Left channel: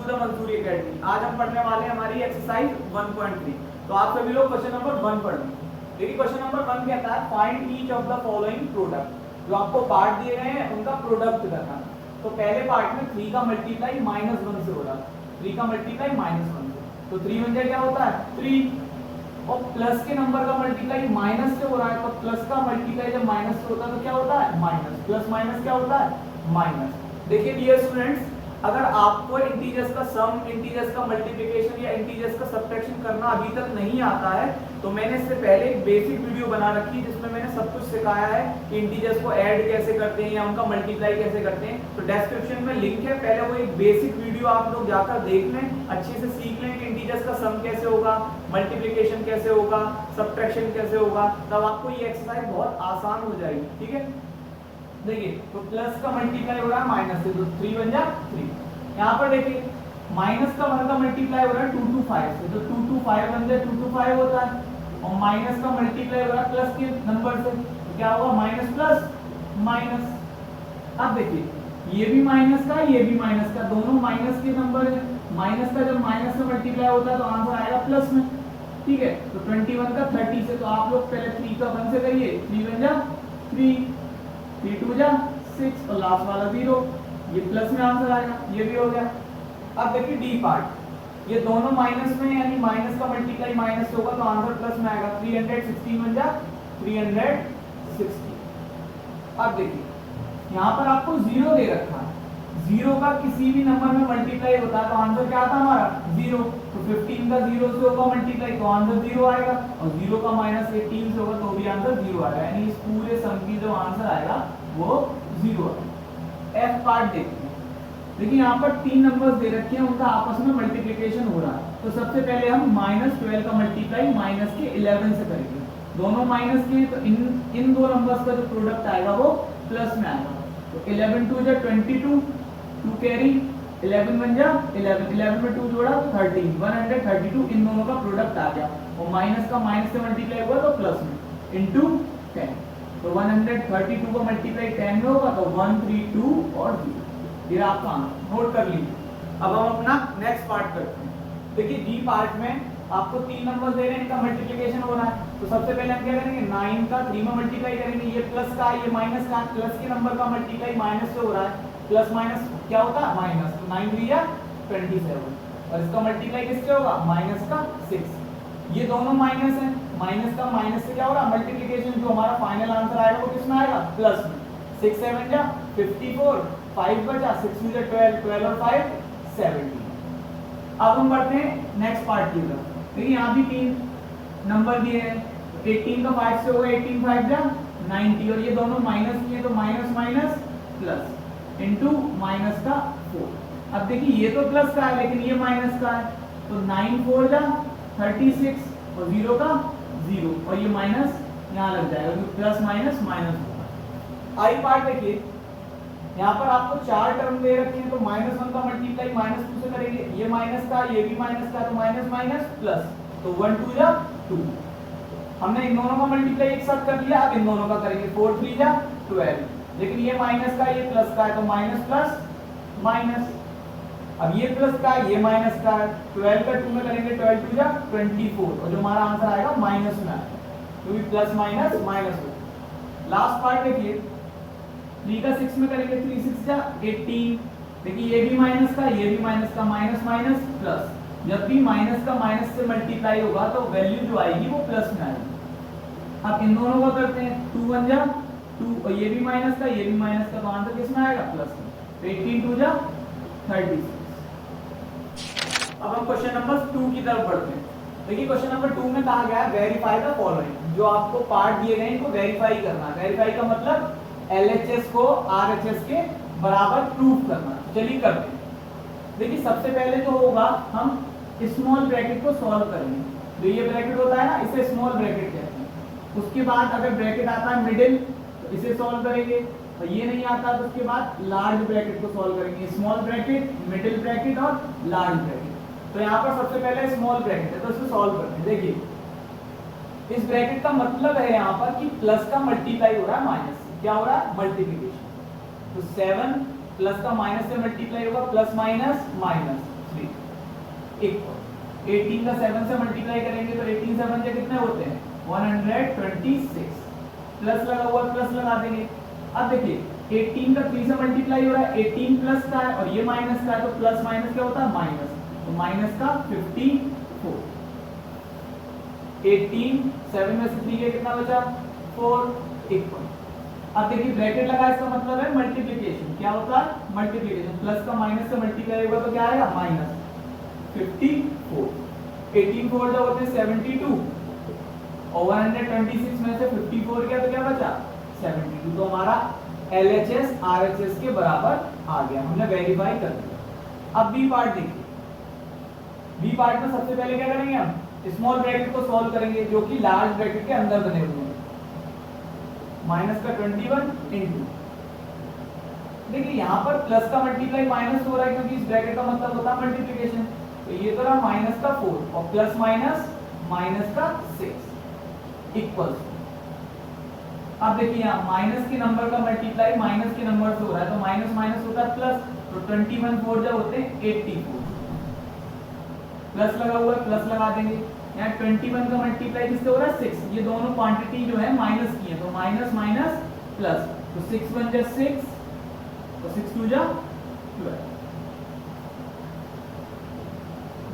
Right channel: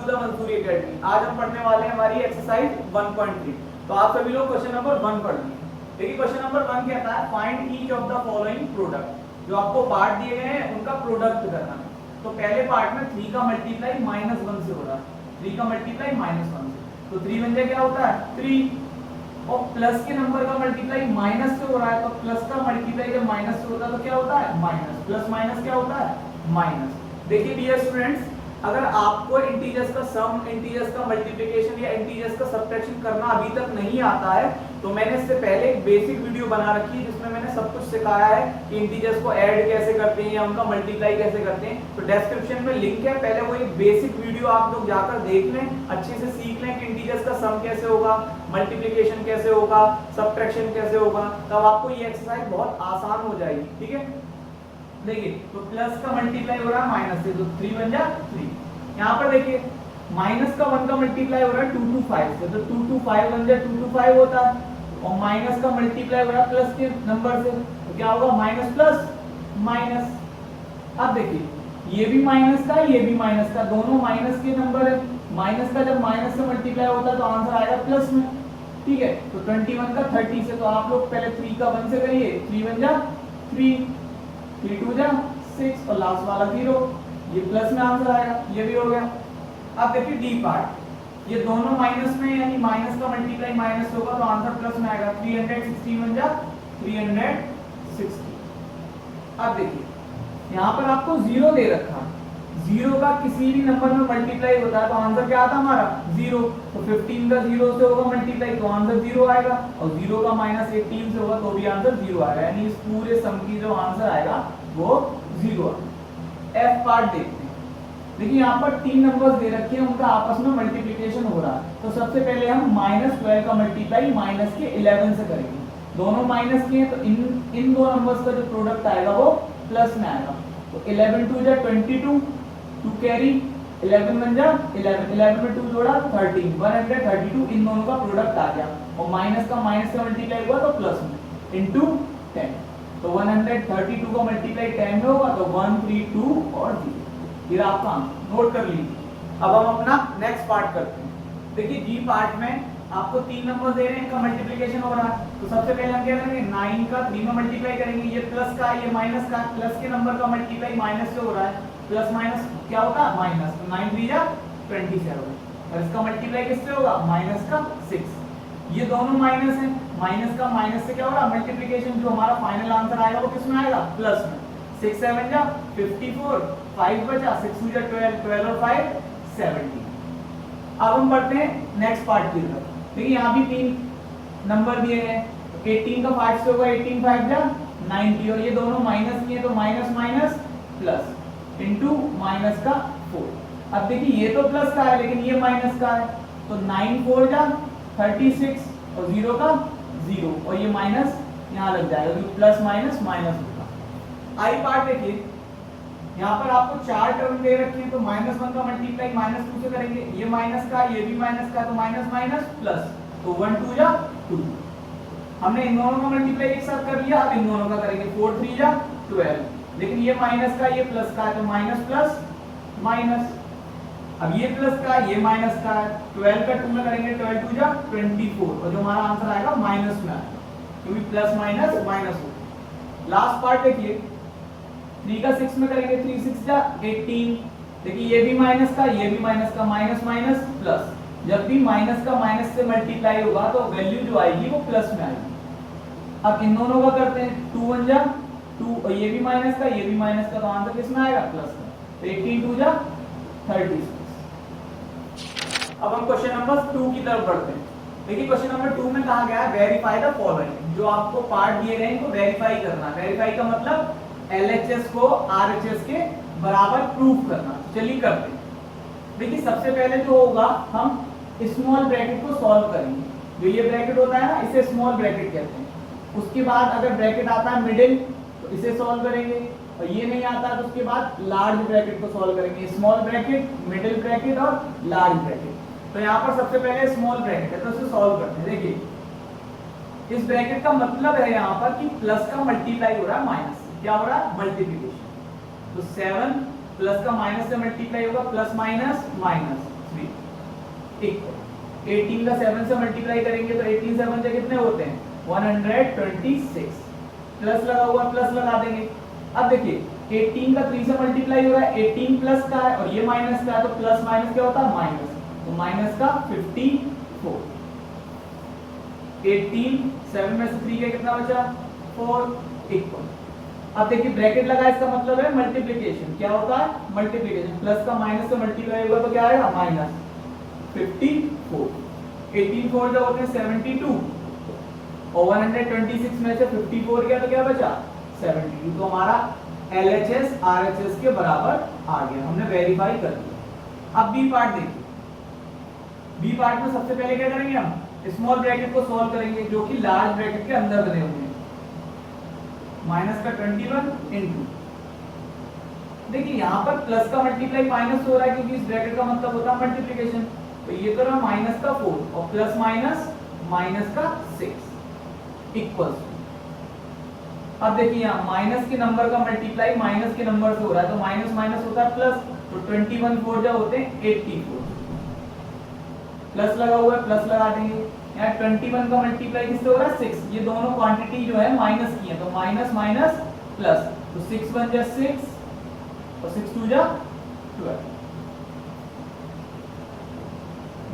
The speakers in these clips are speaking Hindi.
टू द मजदूरी एकेडमी। आज हम पढ़ने वाले हैं हमारी एक्सरसाइज 1.3। तो आप सभी लोग क्वेश्चन नंबर 1 पढ़ लें। देखिए क्वेश्चन नंबर 1 कहता है find each of the following product. जो आपको पार्ट दिए गए हैं उनका प्रोडक्ट करना है। तो पहले पार्ट में 3 का मल्टीप्लाई -1 से हो रहा है, 3 का मल्टीप्लाई -1 से, तो 3 बन जाए क्या होता है 3, और प्लस के नंबर का मल्टीप्लाई माइनस से हो रहा है, तो प्लस का मल्टीप्लाई जब माइनस से होता है तो क्या होता है माइनस, प्लस माइनस क्या होता है माइनस। देखिए डियर स्टूडेंट्स, अगर आपको इंटीजर्स का सम, इंटीजर्स का मल्टीप्लिकेशन या इंटीजर्स का सब्ट्रैक्शन करना अभी तक नहीं आता है, तो मैंने इससे पहले एक बेसिक वीडियो बना रखी है जिसमें मैंने सब कुछ सिखाया है कि इंटीजर्स को ऐड कैसे करते हैं या उनका मल्टीप्लाई कैसे करते हैं। तो डिस्क्रिप्शन में लिंक है, पहले वो एक बेसिक वीडियो आप लोग जाकर देख लें, अच्छे से सीख लें कि इंटीजर्स का सम कैसे होगा, मल्टीप्लिकेशन कैसे होगा, सब्ट्रैक्शन कैसे होगा, तब आपको ये एक्सरसाइज बहुत आसान हो जाएगी। ठीक है, देखिए तो प्लस का मल्टीप्लाई हो रहा है माइनस से, तो 3 बन जा 3। यहाँ पर देखिए माइनस का 1 का मल्टीप्लाई हो रहा है 2 to 5 से, तो 2 to 5 बन जाए 2 to 5 होता है, और माइनस का मल्टीप्लाई हो रहा है प्लस के नंबर से, तो क्या होगा माइनस प्लस माइनस। अब देखिए ये भी माइनस का, ये भी माइनस का, दोनों माइनस के नंबर है। माइनस का जब माइनस से मल्टीप्लाई होता है तो आंसर आएगा प्लस में। ठीक है, तो 21 का 30 से, तो आप लोग पहले 3 का 1 से करिए, 3 बन जा 3, 3 2 जा 6, और लास्ट वाला 0, ये प्लस में आंसर आएगा, ये भी हो गया। अब देखिए डी पार्ट, ये दोनों माइनस में, यानी माइनस का मल्टीप्लाई माइनस होगा तो आंसर प्लस में आएगा, 360 बन जा 360। अब देखिए यहाँ पर आपको 0 दे रखा है, 0 का किसी भी नंबर में मल्टीप्लाई होता है तो आंसर क्या आता है हमारा 0, तो 15 का 0 से होगा मल्टीप्लाई तो आंसर 0 आएगा, और 0 का -18 से होगा तो भी आंसर 0 आएगा, यानी इस पूरे सम की जो आंसर आएगा वो 0 है। एफ पार्ट देखते हैं। देखिए यहाँ पर 3 नंबर्स दे रखे हैं, उनका आपस में मल्टीप्लिकेशन हो रहा है, तो सबसे पहले हम -12 का मल्टीप्लाई माइनस के 11 से करेंगे। दोनों माइनस के हैं तो इन दो नंबर्स का जो प्रोडक्ट आएगा वो प्लस में आएगा, तो 11 2 जा 22, 2 कैरी 11 बन जा 11, 11 में 2 जोड़ा 13, 132, इन दोनों का प्रोडक्ट आ गया, और माइनस का माइनस से मल्टीप्लाई हुआ तो प्लस में इनटू 10, तो 132 को मल्टीप्लाई 10 में होगा तो 132 और 0, ये आपका आंसर नोट कर लीजिए। अब हम अपना नेक्स्ट पार्ट करते हैं। देखिए डी पार्ट में आपको 3 नंबर दे रहे हैं, इनका मल्टीप्लिकेशन हो रहा है, तो सबसे पहले हम क्या करेंगे 9 का 3 में मल्टीप्लाई करेंगे, ये प्लस का ये माइनस का, प्लस के नंबर का मल्टीप्लाई माइनस से हो रहा है, प्लस माइनस क्या होगा माइनस, तो 9 3 जा 27, और इसका मल्टीप्लाई किससे होगा माइनस का 6, ये दोनों माइनस है, माइनस का माइनस से क्या हो रहा मल्टीप्लिकेशन, जो हमारा फाइनल आंसर आएगा वो किसमें आएगा प्लस में, 6 7 जा 54, 5 बचा 6 2 जा 12, 12 और 5 17। अब हम बढ़ते हैं नेक्स्ट पार्ट की तरफ। देखिए यहाँ भी 3 नंबर दिए हैं, तो 18 का 5 से होगा 18 5 जा 90, और ये दोनों माइनस किए तो minus minus plus into minus का 4। अब देखिए ये तो प्लस का है लेकिन ये माइनस का है, तो 9 4 जा 36, और 0 का 0, और ये माइनस यहाँ लग जाएगा क्योंकि प्लस माइनस माइनस होगा। आई पार्ट देखिए यहाँ पर आपको 4 टर्म दे रखे हैं, तो -1 का मल्टीप्लाई -2 से करेंगे, ये माइनस का ये भी माइनस का, तो माइनस माइनस प्लस, तो 1 2 जा 2, हमने इन दोनों का मल्टीप्लाई एक साथ कर लिया, अब इन दोनों का करेंगे 4 3 जा 12, लेकिन ये माइनस का ये प्लस का है तो माइनस प्लस माइनस, अब ये प्लस का ये माइनस का है, 12 का 2 में करेंगे 12 2 जा 24, और जो हमारा आंसर आएगा माइनस में आएगा क्योंकि प्लस माइनस माइनस होता है। लास्ट पार्ट देखिए 3 का 6 में करेंगे 3 6 जा 18, देखिए ये भी माइनस का ये भी माइनस का, माइनस माइनस प्लस, जब भी माइनस का माइनस से मल्टीप्लाई होगा तो वैल्यू जो आएगी वो प्लस में आएगी। अब इन दोनों का करते हैं 2 1 जा 2, और ये भी माइनस का ये भी माइनस का, तो आंसर किसमें आएगा प्लस का, तो 18 2 जा 36। अब हम क्वेश्चन नंबर 2 की तरफ बढ़ते हैं। देखिए क्वेश्चन नंबर 2 में कहा गया है वेरीफाई द फॉलोइंग, जो आपको पार्ट दिए गए इनको वेरीफाई करना है। वेरीफाई का मतलब LHS को RHS के बराबर प्रूफ करना। चलिए करते हैं। देखिए सबसे पहले जो होगा हम स्मॉल ब्रैकेट को सॉल्व करेंगे, जो ये ब्रैकेट होता है ना इसे स्मॉल ब्रैकेट कहते हैं। उसके बाद अगर ब्रैकेट आता है मिडिल तो इसे सॉल्व करेंगे, और ये नहीं आता तो उसके बाद लार्ज ब्रैकेट को सॉल्व करेंगे, स्मॉल ब्रैकेट, मिडिल ब्रैकेट और लार्ज ब्रैकेट। तो यहाँ पर सबसे पहले स्मॉल ब्रैकेट है तो इसे सॉल्व करते हैं। देखिए इस ब्रैकेट का मतलब है यहाँ पर कि प्लस का मल्टीप्लाई हो रहा है माइनस से, क्या हो रहा है मल्टीप्लिकेशन, तो 7 प्लस का माइनस से मल्टीप्लाई होगा, प्लस माइनस माइनस, 3 इक्वल 18 का 7 से मल्टीप्लाई करेंगे तो 18 7 से कितने होते हैं 126 प्लस लगा हुआ प्लस लगा देंगे। अब देखिए 18 का 3 से मल्टीप्लाई हो रहा है 18 प्लस का है और ये माइनस का है तो प्लस माइनस क्या होता है माइनस, तो माइनस का 54 18 7 में से 3 के कितना बचा 4 इक्वल। अब देखिए ब्रैकेट लगा इसका मतलब है मल्टीप्लिकेशन, क्या होता है मल्टीप्लिकेशन, प्लस का माइनस से मल्टीप्लाई होगा तो क्या आएगा माइनस 54। 18 4 जो होते हैं 72 और 126 में से 54 गया तो क्या बचा 72, तो हमारा LHS RHS के बराबर आ गया, हमने वेरीफाई कर दिया। अब बी पार्ट देखिए, बी पार्ट में सबसे पहले क्या करेंगे हम स्मॉल ब्रैकेट को सॉल्व करेंगे जो कि लार्ज ब्रैकेट के अंदर बने हुए हैं। माइनस का 21 इंटू, देखिए यहाँ पर प्लस का मल्टीप्लाई माइनस हो रहा है क्योंकि इस ब्रैकेट का मतलब होता है मल्टीप्लिकेशन, तो ये तो रहा माइनस का 4 और प्लस माइनस माइनस का 6 इक्वल्स। अब देखिए यहाँ माइनस के नंबर का मल्टीप्लाई माइनस के नंबर से हो रहा है तो माइनस माइनस होता है प्लस, तो 21 4 जो होते हैं 84 प्लस लगा हुआ है प्लस लगा देंगे। यहाँ 21 का मल्टीप्लाई किससे हो रहा है 6, ये दोनों क्वांटिटी जो है माइनस की है तो माइनस माइनस प्लस, तो 6 1 जा 6 और 6 2 जा 12,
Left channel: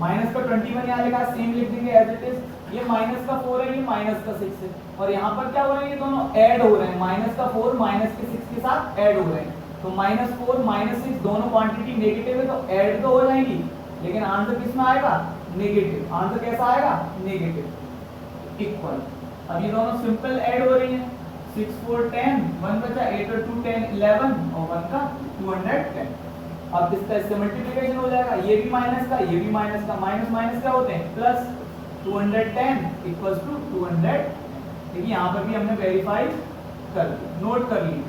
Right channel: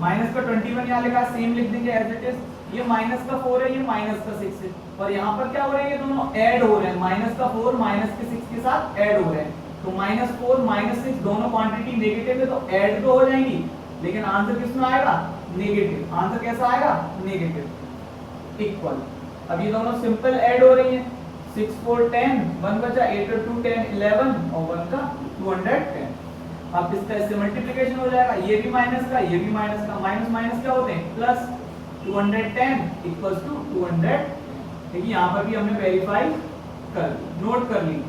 माइनस का 21 यहाँ लिखा सेम लिख देंगे एज इट इज, ये माइनस का 4 है ये माइनस का 6 है और यहाँ पर क्या हो रहे हैं ये दोनों ऐड हो रहे हैं, माइनस का 4 माइनस के 6 के साथ ऐड हो रहे हैं, तो -4 -6 दोनों क्वांटिटी नेगेटिव है तो ऐड तो हो जाएंगी लेकिन आंसर किस में आएगा नेगेटिव, आंसर कैसा आएगा नेगेटिव इक्वल। अब ये दोनों सिंपल ऐड हो रही हैं 6 4 10 1 बचा 8 और 2 10 11 और 1 का 210। अब इसका इससे मल्टीप्लिकेशन हो जाएगा, ये भी माइनस का ये भी माइनस का, माइनस माइनस क्या होते हैं प्लस, 210 इक्वल्स टू 200। देखिए यहाँ पर भी हमने वेरीफाई कर ली, नोट कर ली।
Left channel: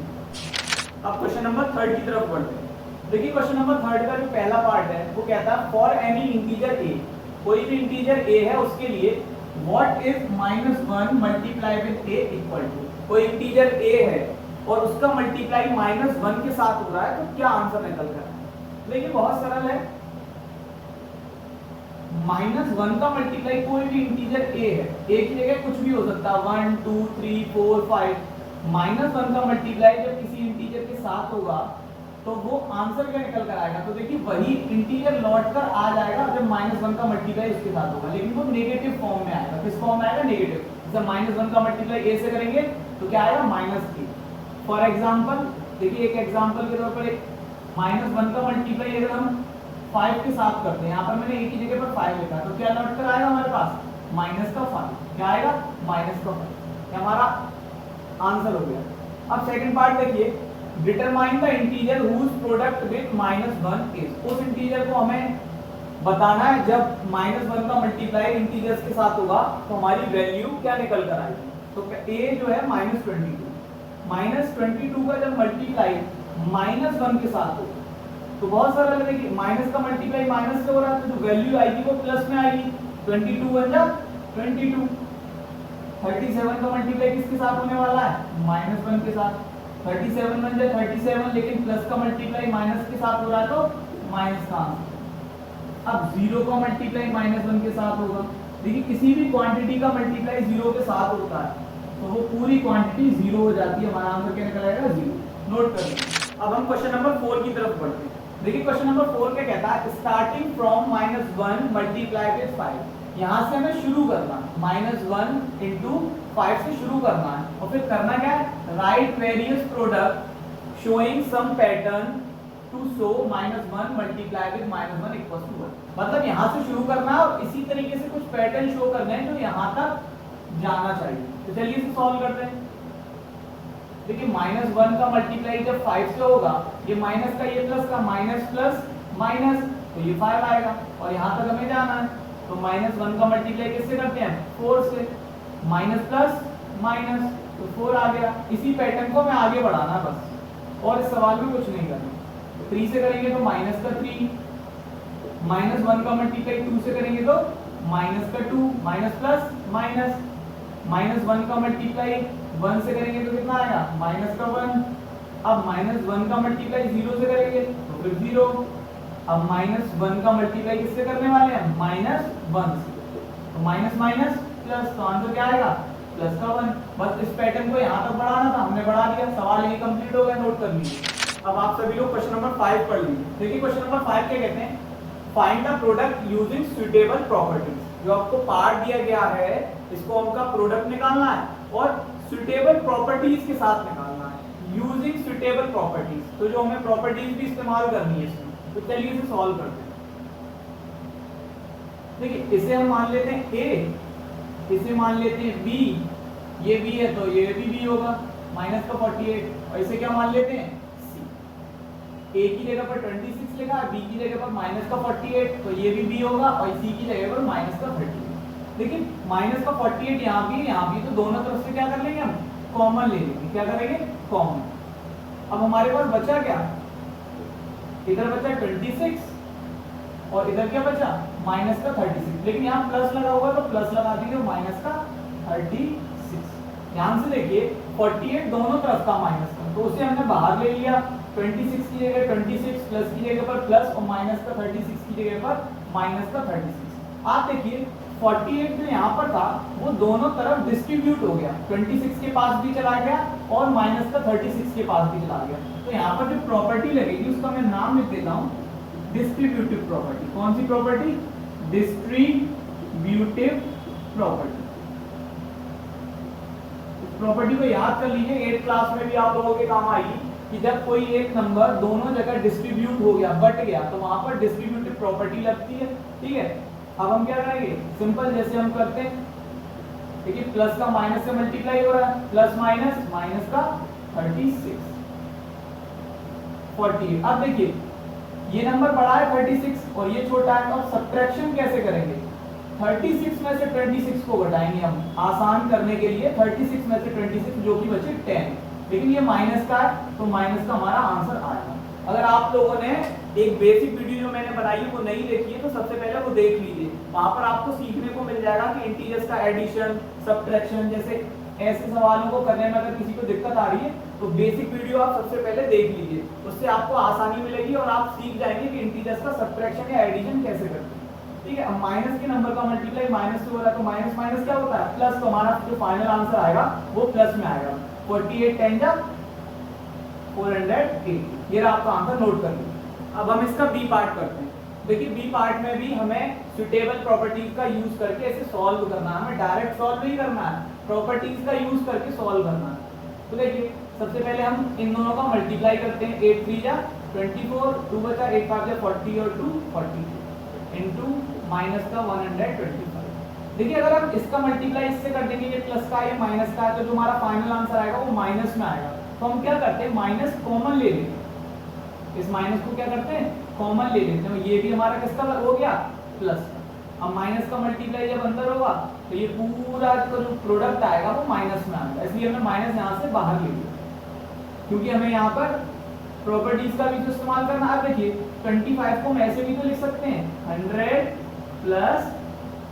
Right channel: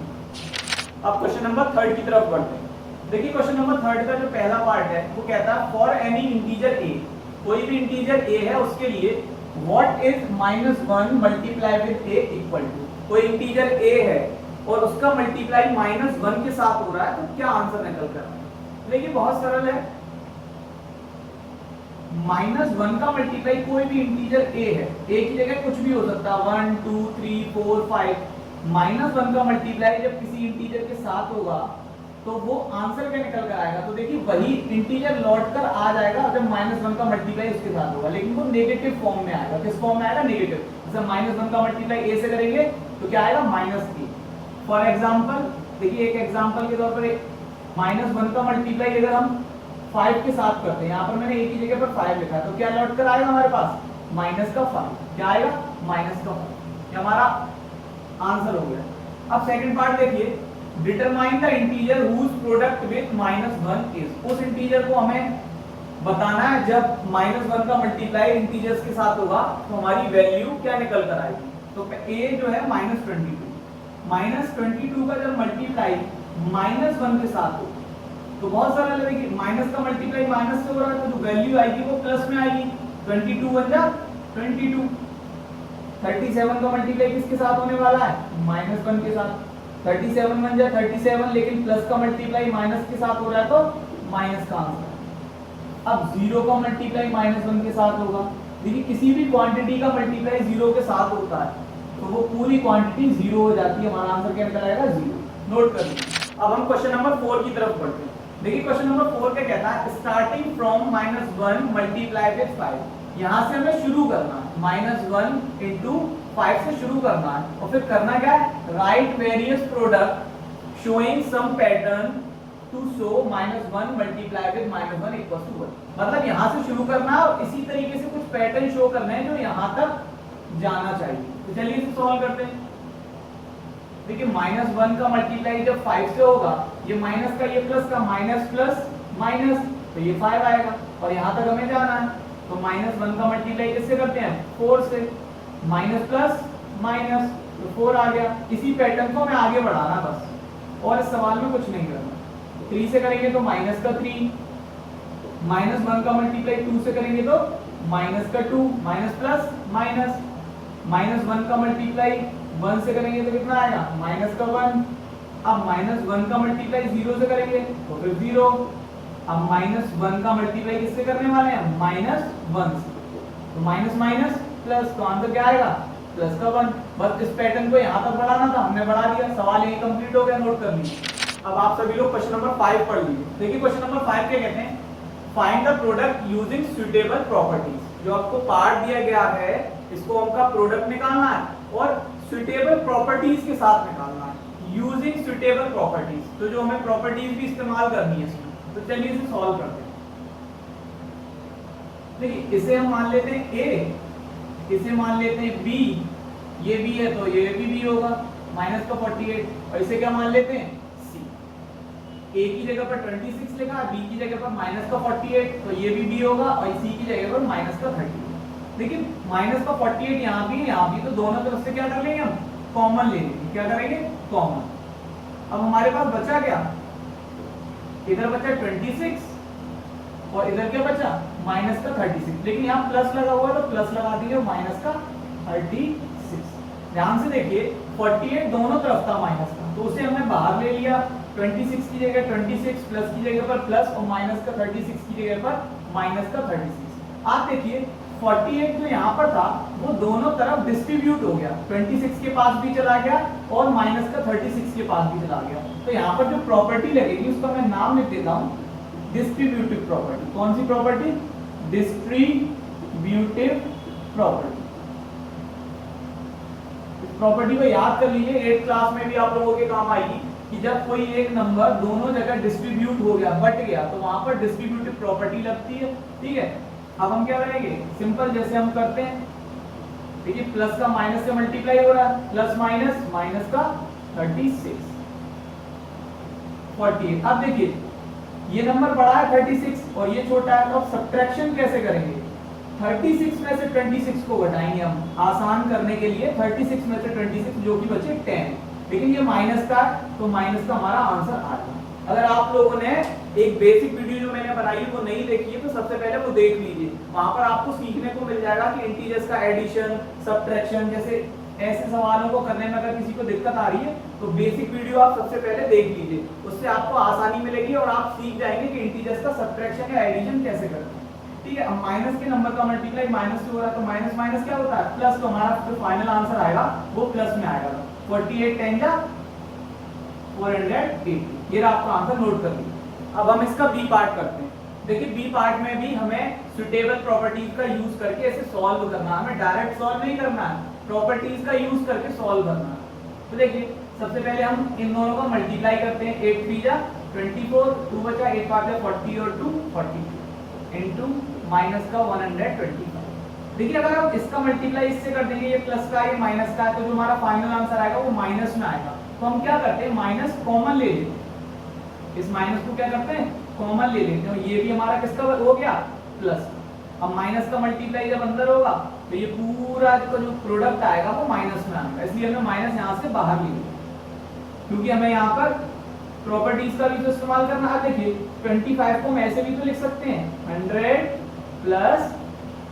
अब क्वेश्चन नंबर 3 की तरफ बढ़ते हैं। देखिए क्वेश्चन नंबर 3 का जो पहला पार्ट है वो कहता है फॉर एनी इंटीजर a, कोई भी इंटीजर a है उसके लिए what is -1 multiply with a equal to, कोई इंटीजर a है और उसका मल्टीप्लाई -1 के साथ हो रहा है तो क्या आंसर निकल कर, देखिए बहुत सरल है। -1 का मल्टीप्लाई कोई भी इंटीजर a है, a की जगह कुछ भी हो सकता है 1 2 3 4 5, -1 का मल्टीप्लाई जब किसी इंटीजर के साथ होगा तो वो आंसर क्या निकल कर आएगा, तो देखिए वही इंटीजर लौट कर आ जाएगा जब -1 का मल्टीप्लाई उसके साथ होगा, लेकिन वो नेगेटिव फॉर्म में आएगा। किस फॉर्म में आएगा नेगेटिव, जैसे -1 का मल्टीप्लाई a से करेंगे तो क्या आएगा -3। फॉर एग्जांपल देखिए एक एग्जांपल के तौर पर -1 का मल्टीप्लाई अगर हम 5 के साथ करते हैं, यहाँ पर मैंने a की जगह पर 5 लिखा है तो क्या लौट कर आएगा हमारे पास -5, क्या आएगा -5, ये हमारा आंसर हो गया। अब सेकंड पार्ट देखिए, determine the integer whose product with -1 is, उस इंटीजर को हमें बताना है जब -1 का मल्टीप्लाई इंटीजर्स के साथ होगा तो हमारी वैल्यू क्या निकल कर आएगी, तो a जो है -22 का जब मल्टीप्लाई -1 के साथ होगा तो बहुत सरल है। देखिए माइनस का मल्टीप्लाई माइनस से हो रहा है तो जो वैल्यू आएगी वो प्लस में आएगी, 22 बन जा 22। 37 का मल्टीप्लाई किसके साथ होने वाला है -1 के साथ, 37 बन जाए 37, लेकिन प्लस का मल्टीप्लाई माइनस के साथ हो रहा है तो माइनस का आंसर। अब 0 का मल्टीप्लाई -1 के साथ होगा, देखिए किसी भी क्वांटिटी का मल्टीप्लाई 0 के साथ होता है तो वो पूरी क्वांटिटी 0 हो जाती है, हमारा आंसर क्या निकल आएगा 0। नोट कर लीजिए। अब हम क्वेश्चन नंबर 4 की तरफ बढ़ते हैं। देखिए क्वेश्चन नंबर 4 क्या कहता है, स्टार्टिंग फ्रॉम -1 मल्टीप्लाई विद 5, यहाँ से हमें शुरू करना है -1 इंटू 5 से शुरू करना है और फिर करना क्या है, right various product showing some pattern to show -1 multiply with -1 equal to 1, मतलब यहाँ से शुरू करना है और इसी तरीके से कुछ पैटर्न शो करने हैं जो यहाँ तक जाना चाहिए। तो चलिए इसे सॉल्व करते हैं। देखिए -1 का मल्टीप्लाई जब 5 से होगा, ये माइनस का ये प्लस का, माइनस प्लस माइनस तो ये 5 आएगा और यहाँ तक हमें जाना है, तो -1 का मल्टीप्लाई किससे करते हैं 4 से, माइनस प्लस माइनस तो 4 आ गया। इसी पैटर्न को हमें आगे बढ़ाना बस, और इस सवाल में कुछ नहीं करना। 3 से करेंगे तो माइनस का 3, -1 का मल्टीप्लाई 2 से करेंगे तो माइनस का 2, माइनस प्लस माइनस, -1 का मल्टीप्लाई 1 से करेंगे तो कितना आएगा -1। अब -1 का मल्टीप्लाई 0 से करेंगे तो फिर 0, अब -1 का मल्टीप्लाई किससे करने वाले हैं, -1 से, तो माइनस माइनस प्लस, तो आंसर क्या आएगा, प्लस का 1। बस इस पैटर्न को यहाँ तक बढ़ाना था, हमने बढ़ा दिया, सवाल यही कंप्लीट हो गया, नोट कर लीजिए। अब आप सभी लोग क्वेश्चन नंबर 5 पढ़ लीजिए। देखिए क्वेश्चन नंबर 5 क्या कहते हैं, find the product using suitable properties. जो आपको पार्ट दिया गया है इसको हमका प्रोडक्ट निकालना है और सुटेबल प्रॉपर्टीज के साथ निकालना है, यूजिंग सुटेबल प्रॉपर्टीज। तो जो हमें प्रॉपर्टीज भी इस्तेमाल करनी है इसमें, तो चलिए इसे सॉल्व करते हैं। देखिए इसे हम मान लेते हैं ए, इसे मान लेते हैं बी, ये बी है तो ये भी बी होगा, माइनस का 48, और इसे क्या मान लेते हैं सी। ए की जगह पर 26 लिखा है, बी की जगह पर माइनस का 48, तो ये भी बी होगा, और सी की जगह पर माइनस का 38। देखिए माइनस का 48 यहाँ भी, तो दोनों तरफ से क्या कर लेंगे हम, कॉमन ले लेंगे। क्या करेंगे, कॉमन। अब हमारे पास बचा क्या, इधर बचा 26 और इधर क्या बचा, माइनस का 36। लेकिन यहाँ प्लस लगा हुआ तो प्लस लगा देंगे, माइनस का 36। ध्यान से देखिए 48 दोनों तरफ था माइनस का, तो उसे हमने बाहर ले लिया, 26 की जगह 26, प्लस की जगह पर प्लस, और माइनस का 36 की जगह पर माइनस का 36। आप देखिए 48 जो यहाँ पर था वो दोनों तरफ डिस्ट्रीब्यूट हो गया, 26 के पास भी चला गया और माइनस का 36 के पास भी चला गया। तो यहाँ पर जो प्रॉपर्टी लगेगी उसका मैं नाम लिख देता हूँ डिस्ट्रीब्यूटिव प्रॉपर्टी। कौन सी प्रॉपर्टी, डिस्ट्रीब्यूटिव प्रॉपर्टी। इस प्रॉपर्टी को याद कर लीजिए, 8th क्लास में भी आप लोगों के काम आएगी कि जब कोई एक नंबर दोनों जगह डिस्ट्रीब्यूट हो गया, बट गया, तो वहां पर डिस्ट्रीब्यूटिव प्रॉपर्टी लगती है। ठीक है, अब हम क्या करेंगे, सिंपल जैसे हम करते हैं, देखिए प्लस का माइनस से मल्टीप्लाई हो रहा है, प्लस माइनस, माइनस का 36, 48। अब देखिए ये नंबर बड़ा है 36 और ये छोटा है, तो अब सब्ट्रैक्शन कैसे करेंगे, 36 में से 26 को घटाएंगे हम, आसान करने के लिए 36 में से 26 जो कि बचे 10, लेकिन ये माइनस का है तो माइनस का हमारा आंसर आएगा। अगर आप लोगों ने एक बेसिक वीडियो जो मैंने बनाई है वो नहीं देखी है तो सबसे पहले वो देख लीजिए, वहां पर आपको सीखने को मिल जाएगा कि इंटीजर्स का एडिशन, सब्ट्रैक्शन जैसे ऐसे सवालों को करने में अगर किसी को दिक्कत आ रही है तो बेसिक वीडियो आप सबसे पहले देख लीजिए, उससे आपको आसानी मिलेगी और आप सीख जाएंगे कि इंटीजर्स का सब्ट्रैक्शन या एडिशन कैसे करते हैं। ठीक है, अब माइनस के नंबर का मल्टीप्लाई माइनस से हो रहा है तो माइनस माइनस क्या होता है, प्लस, तो हमारा जो फाइनल आंसर आएगा वो प्लस में आएगा। 48 10 जा 480, ये आपका आंसर नोट कर लीजिए। अब हम इसका बी पार्ट करते हैं। देखिए बी पार्ट में भी हमें सुटेबल प्रॉपर्टीज का यूज करके इसे सॉल्व करना है, हमें डायरेक्ट सॉल्व नहीं करना है, प्रॉपर्टीज का यूज करके सॉल्व करना है। तो देखिए सबसे पहले हम इन दोनों का मल्टीप्लाई करते हैं, 8 3 जा 24, 2 बचा, 8 5 जा 40 और 2 42 इनटू माइनस का 125। देखिए अगर हम इसका मल्टीप्लाई इससे कर देंगे, ये प्लस का है माइनस का है, तो जो हमारा फाइनल आंसर आएगा वो माइनस में आएगा। तो हम क्या करते हैं, माइनस कॉमन ले लेते हैं, इस माइनस को क्या करते हैं, कॉमन ले लेते हैं, ये भी हमारा किसका हो गया, प्लस का। अब माइनस का मल्टीप्लाई जब अंदर होगा तो ये पूरा का जो प्रोडक्ट आएगा वो माइनस में आएगा, इसलिए हमने माइनस यहाँ से बाहर ले लिया, क्योंकि हमें यहाँ पर प्रॉपर्टीज का भी तो इस्तेमाल करना है। देखिए 25 को हम ऐसे भी तो लिख सकते हैं, 100 प्लस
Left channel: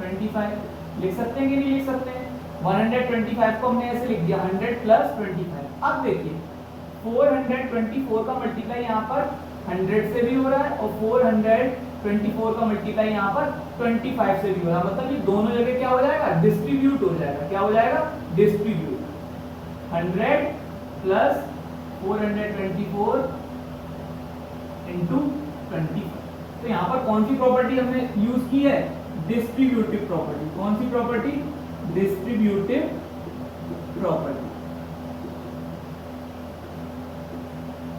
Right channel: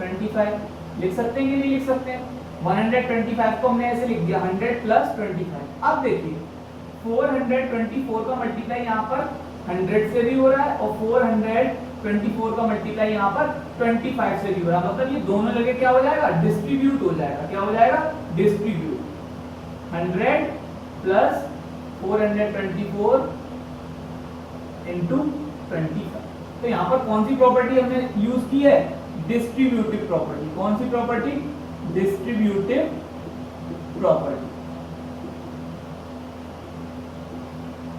25 लिख सकते हैं कि नहीं लिख सकते हैं। 125 को हमने ऐसे लिख दिया, 100 प्लस 25। अब देखिए 424 का मल्टीप्लाई यहाँ पर 100 से भी हो रहा है और 424 का मल्टीप्लाई यहाँ पर 25 से भी हो रहा है, मतलब ये दोनों जगह क्या हो जाएगा, डिस्ट्रीब्यूट हो जाएगा। क्या हो जाएगा, डिस्ट्रीब्यूट। 100 plus 424 into 25। तो यहाँ पर कौन सी प्रॉपर्टी हमने यूज की है, डिस्ट्रीब्यूटिव प्रॉपर्टी। कौन सी प्रॉपर्टी, डिस्ट्रीब्यूटिव प्रॉपर्टी।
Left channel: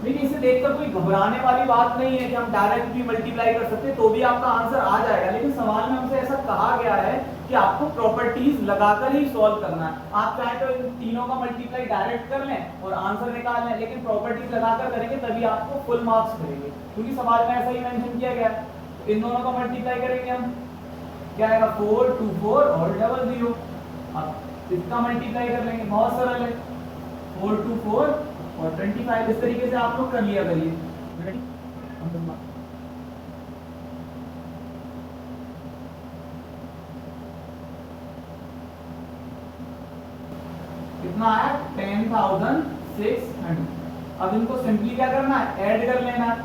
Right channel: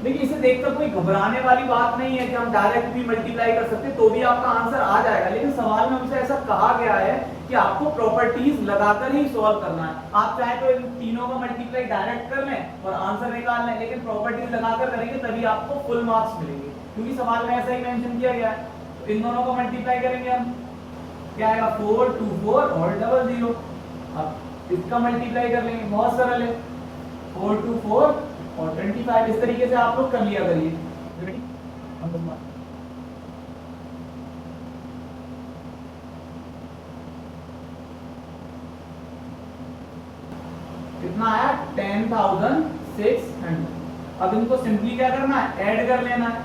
देखिए इसे देखकर कोई घबराने वाली बात नहीं है कि हम डायरेक्ट भी मल्टीप्लाई कर सकते तो भी आपका आंसर आ जाएगा, लेकिन सवाल में हमसे ऐसा कहा गया है कि आपको प्रॉपर्टीज लगाकर ही सॉल्व करना है। आप चाहे तो इन तीनों का मल्टीप्लाई डायरेक्ट कर लें और आंसर निकाल लें, लेकिन प्रॉपर्टीज लगाकर करेंगे तभी आपको फुल मार्क्स मिलेंगे, क्योंकि सवाल में ऐसा ही मेंशन किया गया है। तो इन दोनों का मल्टीप्लाई करेंगे हम, क्या आएगा, 4 2 4 और 0 0। अब इसका मल्टीप्लाई कर लेंगे, बहुत सरल है, 4 2 4 और 25। इस तरीके से आप लोग कर लिया करिए। कितना आया, 10,600। अब इनको सिंपली क्या करना है, ऐड कर लेना है।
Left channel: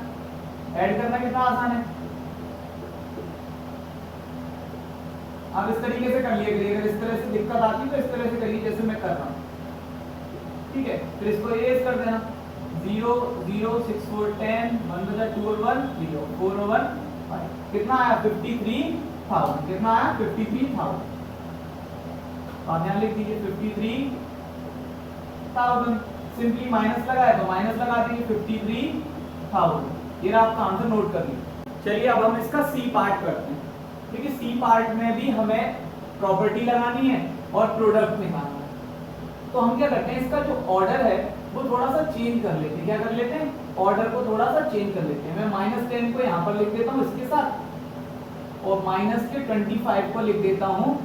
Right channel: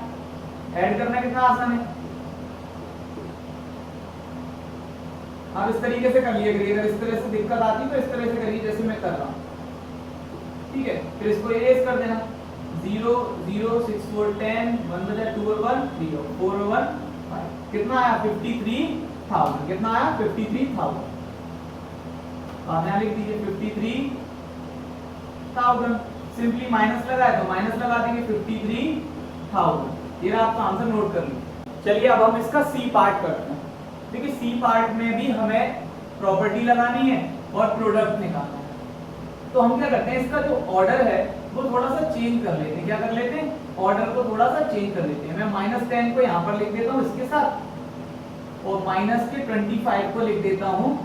ऐड करना कितना आसान है, आप इस तरीके से कर लिया करिए, अगर इस तरह से दिक्कत आती है तो इस तरह से करिए जैसे मैं कर रहा हूँ, ठीक है। फिर इसको इरेज कर देना, 0 0 6 4 10, 1 बचा 2 और 1 0, 4 और 1 5, कितना आया 53,000, कितना आया 53,000। आप यहाँ लिख दीजिए 53,000, सिंपली माइनस लगाए तो माइनस लगा देंगे 53,000, ये आपका आंसर नोट कर लीजिए। चलिए अब हम इसका सी पार्ट करते हैं। देखिए सी पार्ट में भी हमें प्रॉपर्टी लगानी है और प्रोडक्ट निकालना है, तो हम क्या करते हैं, इसका जो ऑर्डर है वो थोड़ा सा चेंज कर लेते हैं। क्या कर लेते हैं, ऑर्डर को थोड़ा सा चेंज कर लेते हैं। मैं -10 को यहाँ पर लिख देता हूँ इसके साथ, और -25 को लिख देता हूँ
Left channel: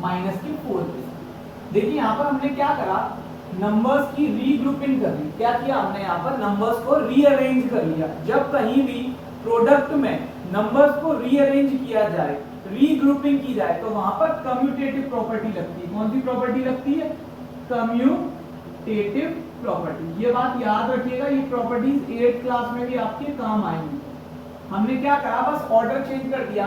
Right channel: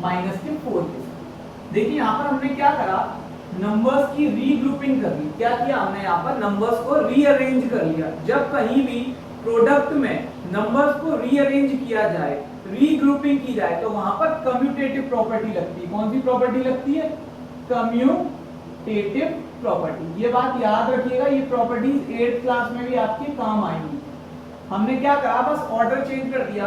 -4 के साथ। देखिए यहाँ पर हमने क्या करा, नंबर्स की रीग्रुपिंग कर ली। क्या किया हमने, यहाँ पर नंबर्स को रीअरेंज कर लिया। जब कहीं भी प्रोडक्ट में नंबर्स को रीअरेंज किया जाए, रीग्रुपिंग की जाए, तो वहां पर कम्यूटेटिव प्रॉपर्टी लगती है। कौन सी प्रॉपर्टी लगती है, कम्यूटेटिव प्रॉपर्टी। ये बात याद रखिएगा, ये प्रॉपर्टीज 8th क्लास में भी आपके काम आएंगी। हमने क्या करा, बस ऑर्डर चेंज कर दिया,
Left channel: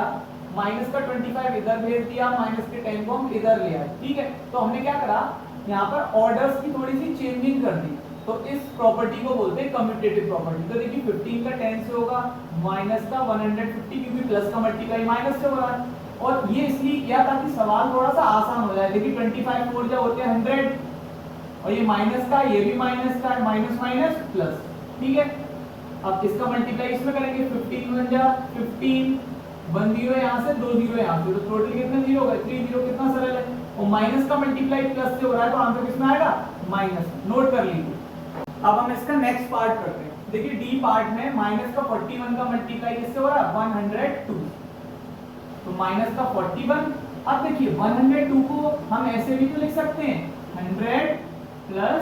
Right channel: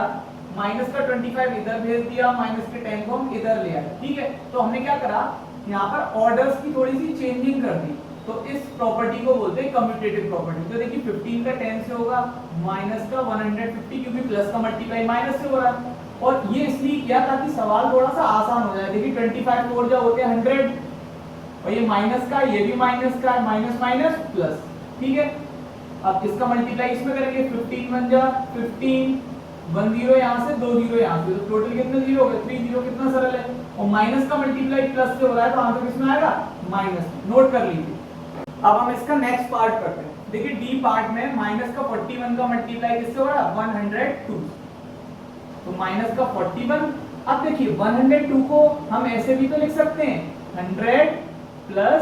-25 इधर भेज दिया, -10 को हम इधर ले आए, ठीक है। तो हमने क्या करा, यहाँ पर ऑर्डर्स की थोड़ी सी चेंजिंग कर दी, तो इस प्रॉपर्टी को बोलते हैं कम्यूटेटिव प्रॉपर्टी। तो देखिए 15 का 10 से होगा, माइनस का 150, क्योंकि प्लस का मल्टीप्लाई माइनस से हो रहा है। और ये इसलिए किया ताकि सवाल थोड़ा सा आसान हो जाए। देखिए 25 4 जो होते हैं 100, और ये माइनस का, ये भी माइनस का, माइनस माइनस प्लस, ठीक है। अब इसका मल्टीप्लाई इसमें करेंगे, 15 1 जा 15, 1 0 यहाँ से, 2 0 यहाँ से, तो टोटल कितने 0 हो गए, 3 0। कितना सरल है, और माइनस का मल्टीप्लाई प्लस से हो रहा है, तो आंसर किसमें आएगा, माइनस में। नोट कर लीजिए। अब हम इसका नेक्स्ट पार्ट करते हैं। देखिए डी पार्ट में माइनस का 41 का मल्टीप्लाई किससे हो रहा है, 102, तो माइनस का 41। अब देखिए 102 को हम ऐसे भी तो लिख सकते हैं, 100 प्लस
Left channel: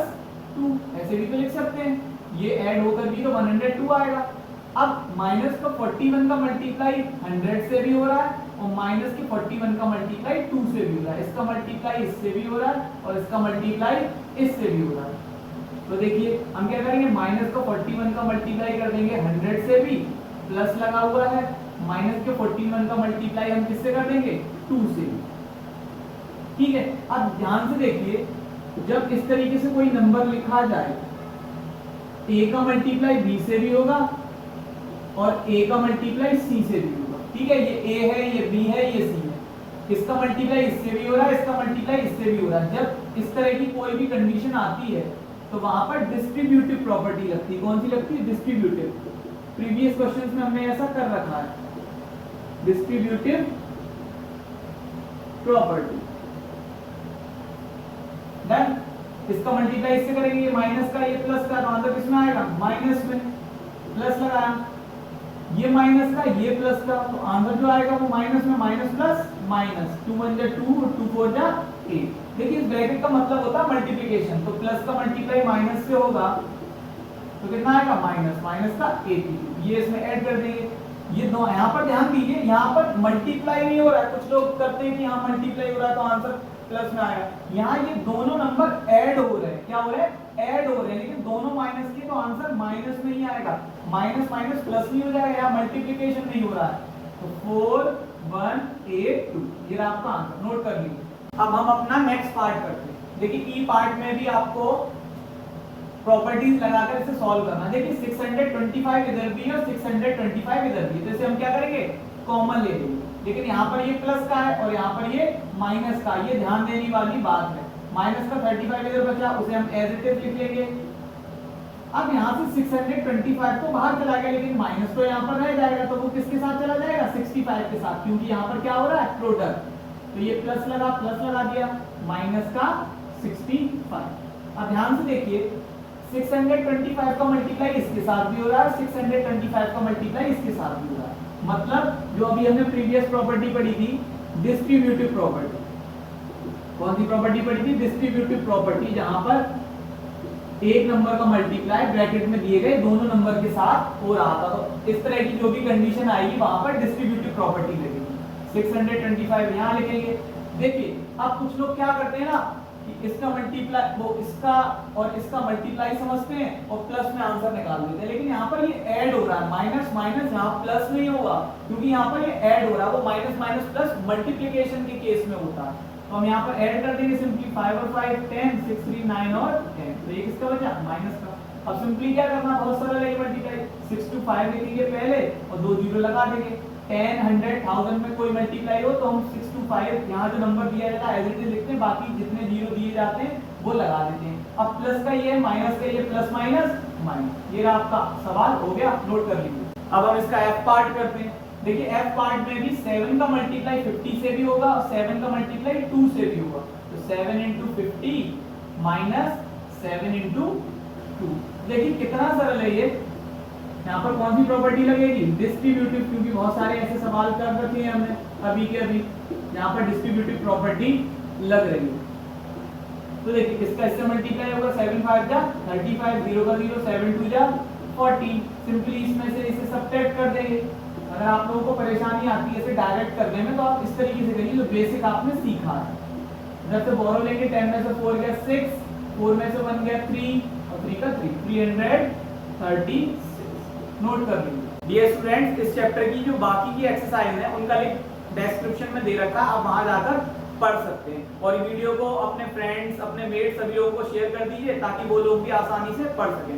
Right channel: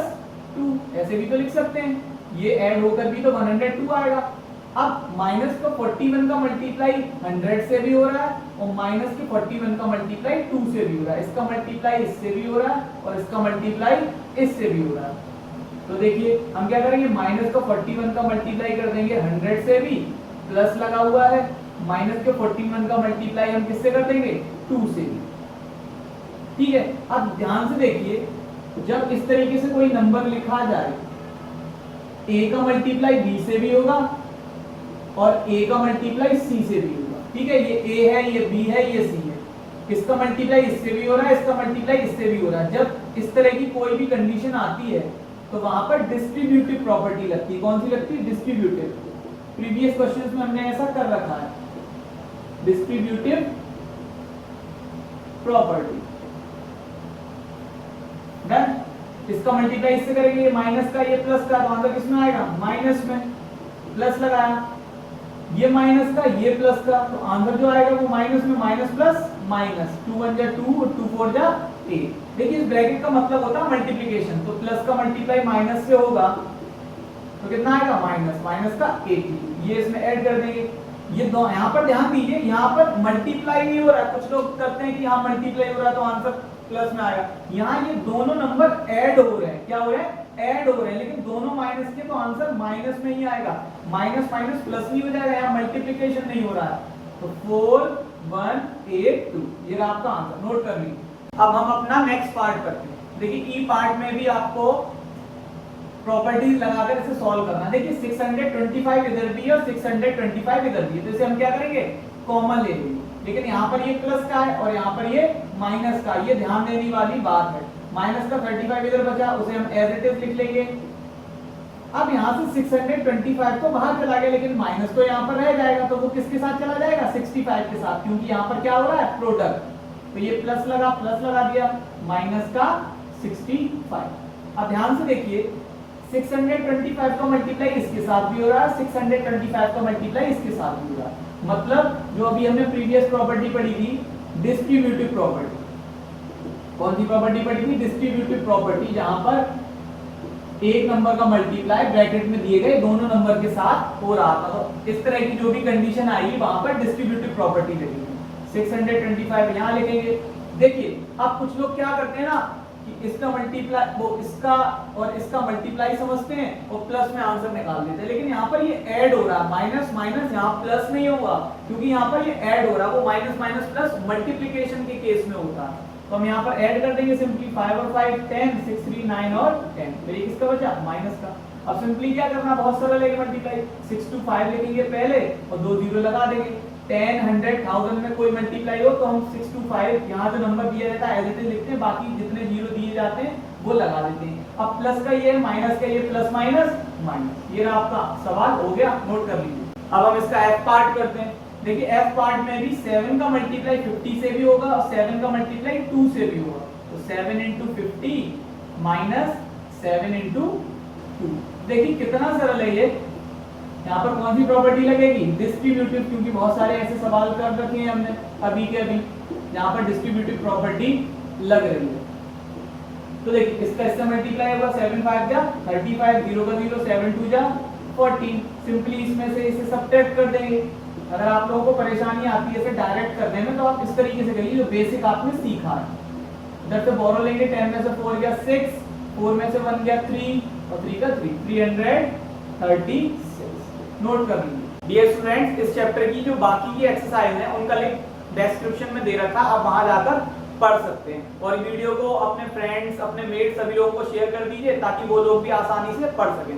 2, ऐसे भी तो लिख सकते हैं, ये ऐड होकर भी तो 102 आएगा। अब माइनस का 41 का मल्टीप्लाई 100 से भी हो रहा है, और माइनस के 41 का मल्टीप्लाई 2 से भी हो रहा है, इसका मल्टीप्लाई इससे भी हो रहा है, और इसका मल्टीप्लाई इससे भी हो रहा है। तो देखिए हम क्या करेंगे, माइनस का 41 का मल्टीप्लाई कर देंगे 100 से भी, प्लस लगा हुआ है, माइनस के 41 का मल्टीप्लाई हम किससे कर देंगे, 2 से भी, ठीक है। अब ध्यान से देखिए, जब इस तरीके से कोई नंबर लिखा जाए, a का मल्टीप्लाई b से भी होगा और a का मल्टीप्लाई c से भी होगा, ठीक है। ये a है, ये b है, ये c है, इसका मल्टीप्लाई इससे भी हो रहा है, इसका मल्टीप्लाई इससे भी हो रहा है। जब इस तरह की कोई भी कंडीशन आती है तो वहां पर डिस्ट्रीब्यूटिव प्रॉपर्टी लगती है। कौन सी लगती है, डिस्ट्रीब्यूटिव। प्रीवियस क्वेश्चंस में हमने ऐसा कर रखा है, डिस्ट्रीब्यूटिव प्रॉपर्टी। डन। इसका मल्टीप्लाई इससे करेंगे, ये माइनस का, ये प्लस का, तो आंसर किसमें आएगा, माइनस में। प्लस लगाया, ये माइनस का, ये प्लस का, तो आंसर जो आएगा वो माइनस में, माइनस प्लस माइनस, 2 1 जा 2 और 2 4 जा 8। देखिए इस ब्रैकेट का मतलब होता है मल्टीप्लिकेशन, तो प्लस का मल्टीप्लाई माइनस से होगा तो कितना आएगा, माइनस, माइनस का 80, ये इसमें ऐड कर देंगे। ये दो, यहाँ पर ध्यान दीजिए, यहाँ पर मल्टीप्लाई नहीं हो रहा है। कुछ लोग करते हैं कि यहाँ मल्टीप्लाई हो रहा है तो आंसर प्लस में आएगा, यहाँ ये दोनों नंबर ऐड हो रहे हैं। क्या हो रहे हैं, ऐड हो रहे हैं, लेकिन दोनों माइनस के, तो आंसर माइनस में ही आएगा। माइनस माइनस प्लस नहीं हो जाएगा, यहाँ मल्टीप्लिकेशन नहीं हो रहा है। तो 4 1 8 2, ये रहा आपका आंसर, नोट कर लीजिए। अब हम अपना नेक्स्ट पार्ट करते हैं। देखिए ई पार्ट में भी आपको प्रॉपर्टीज लगाकर इसे सॉल्व करना है। देखिए 625 इधर भी है और 625 इधर भी है, तो इसे हम क्या करेंगे, कॉमन ले लेंगे। लेकिन यहाँ पर ये प्लस का है और यहाँ पर ये माइनस का, ये ध्यान देने वाली बात है। माइनस का 35 इधर बचा, उसे हम एज इट इज लिख लेंगे। अब यहाँ से 625 तो बाहर चला गया, लेकिन माइनस तो यहाँ पर रह जाएगा, तो वो किसके साथ चला जाएगा, 65 के साथ, क्योंकि यहाँ पर क्या हो रहा है, प्रोडक्ट। तो ये प्लस लगा दिया, माइनस का 65। अब ध्यान से देखिए, 625 का मल्टीप्लाई इसके साथ भी हो रहा है, 625 का मल्टीप्लाई इसके साथ भी हो रहा है। मतलब जो अभी हमने प्रीवियस प्रॉपर्टी पढ़ी थी, डिस्ट्रीब्यूटिव प्रॉपर्टी। कौन सी प्रॉपर्टी पढ़ी थी, डिस्ट्रीब्यूटिव प्रॉपर्टी, जहां पर एक नंबर का मल्टीप्लाई ब्रैकेट में दिए गए दोनों नंबर के साथ हो रहा था। तो इस तरह की जो भी कंडीशन आएगी वहां पर डिस्ट्रीब्यूटिव प्रॉपर्टी लगेगी। 625 यहाँ लिखेंगे। देखिए अब कुछ लोग क्या करते हैं ना, कि इसका मल्टीप्लाई, वो इसका और इसका मल्टीप्लाई समझते हैं और प्लस में आंसर निकाल देते हैं। लेकिन यहाँ पर ये ऐड हो रहा है, माइनस माइनस यहाँ प्लस नहीं होगा, क्योंकि यहाँ पर ये ऐड हो रहा है। वो माइनस माइनस प्लस मल्टीप्लिकेशन के केस में होता है। तो हम यहाँ पर ऐड कर देंगे सिंपली 5 और 5 10, 6 3 9 और 10। तो ये किसका बचा? माइनस का। अब सिंपली क्या करना, बहुत सरल है ये मल्टीप्लाई। 6 to 5 लिखेंगे पहले और 2 जीरो लगा देंगे। 10, 100, 1000 में कोई मल्टीप्लाई हो तो हम 6 to 5 यहाँ जो नंबर दिया जाता है एज इट इज लिखते हैं, बाकी जितने जीरो दिए जाते हैं वो लगा देते हैं। अब प्लस का ये है, माइनस का ये, प्लस माइनस माइनस। ये रहा आपका सवाल, हो गया, नोट कर लीजिए। अब हम इसका एफ पार्ट करते हैं। देखिए एफ पार्ट में भी 7 का मल्टीप्लाई 50 से भी होगा और 7 का मल्टीप्लाई 2 से भी होगा। तो 7 into 50 माइनस 7 into 2। देखिए कितना सरल है ये। यहाँ पर कौन सी प्रॉपर्टी लगेगी? डिस्ट्रीब्यूटिव, क्योंकि बहुत सारे ऐसे सवाल कर रखे हैं हमने अभी के अभी, यहाँ पर डिस्ट्रीब्यूटिव प्रॉपर्टी लग रही है। तो देखिए किसका इससे मल्टीप्लाई होगा? 7 5 जा 35, 0 का 0, 7 2 जा 14। सिंपली इसमें से इसे सब्ट्रैक्ट कर देंगे। अगर आप लोगों को परेशानी आती है इसे डायरेक्ट करने में तो आप इस तरीके से करिए जो बेसिक आपने सीखा है। इधर से बोरो लेंगे, 10 में से 4 गया 6, 4 में से 1 गया 3 और 3 का 3, 336। नोट कर लीजिए। डियर स्टूडेंट्स, इस चैप्टर की जो बाकी की एक्सरसाइज है उनका लिंक डिस्क्रिप्शन में दे रखा है, आप वहां जाकर पढ़ सकते हैं। और वीडियो को अपने फ्रेंड्स, अपने मेट सभी लोगों को शेयर कर दीजिए ताकि वो लोग भी आसानी से पढ़ सकें।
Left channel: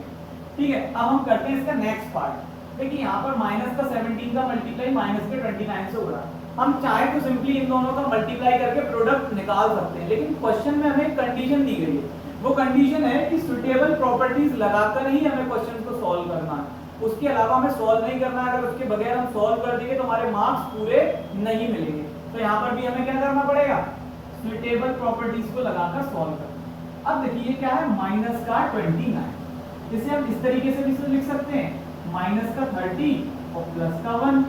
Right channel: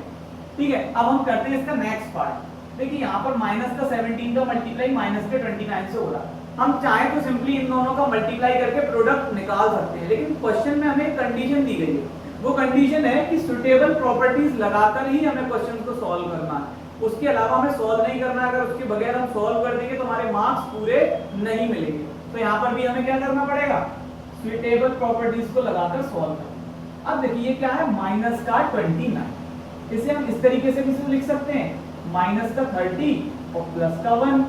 ठीक है, अब हम करते हैं इसका नेक्स्ट पार्ट। देखिए यहाँ पर माइनस का 17 का मल्टीप्लाई माइनस के 29 से हो रहा है। हम चाहे तो सिंपली इन दोनों का मल्टीप्लाई करके प्रोडक्ट निकाल सकते हैं, लेकिन क्वेश्चन में हमें कंडीशन दी गई है। वो कंडीशन है कि सुटेबल प्रॉपर्टीज लगाकर ही हमें क्वेश्चन को सॉल्व करना है, उसके अलावा हमें सॉल्व नहीं करना है। अगर उसके बगैर हम सॉल्व कर देंगे तो हमारे मार्क्स पूरे नहीं मिलेंगे। तो यहाँ पर भी हमें क्या करना पड़ेगा? सुटेबल प्रॉपर्टीज को लगाकर सॉल्व करना। अब देखिए क्या है, माइनस का 29, इसे हम इस तरीके से भी लिख सकते हैं, माइनस का 30 और प्लस का 1।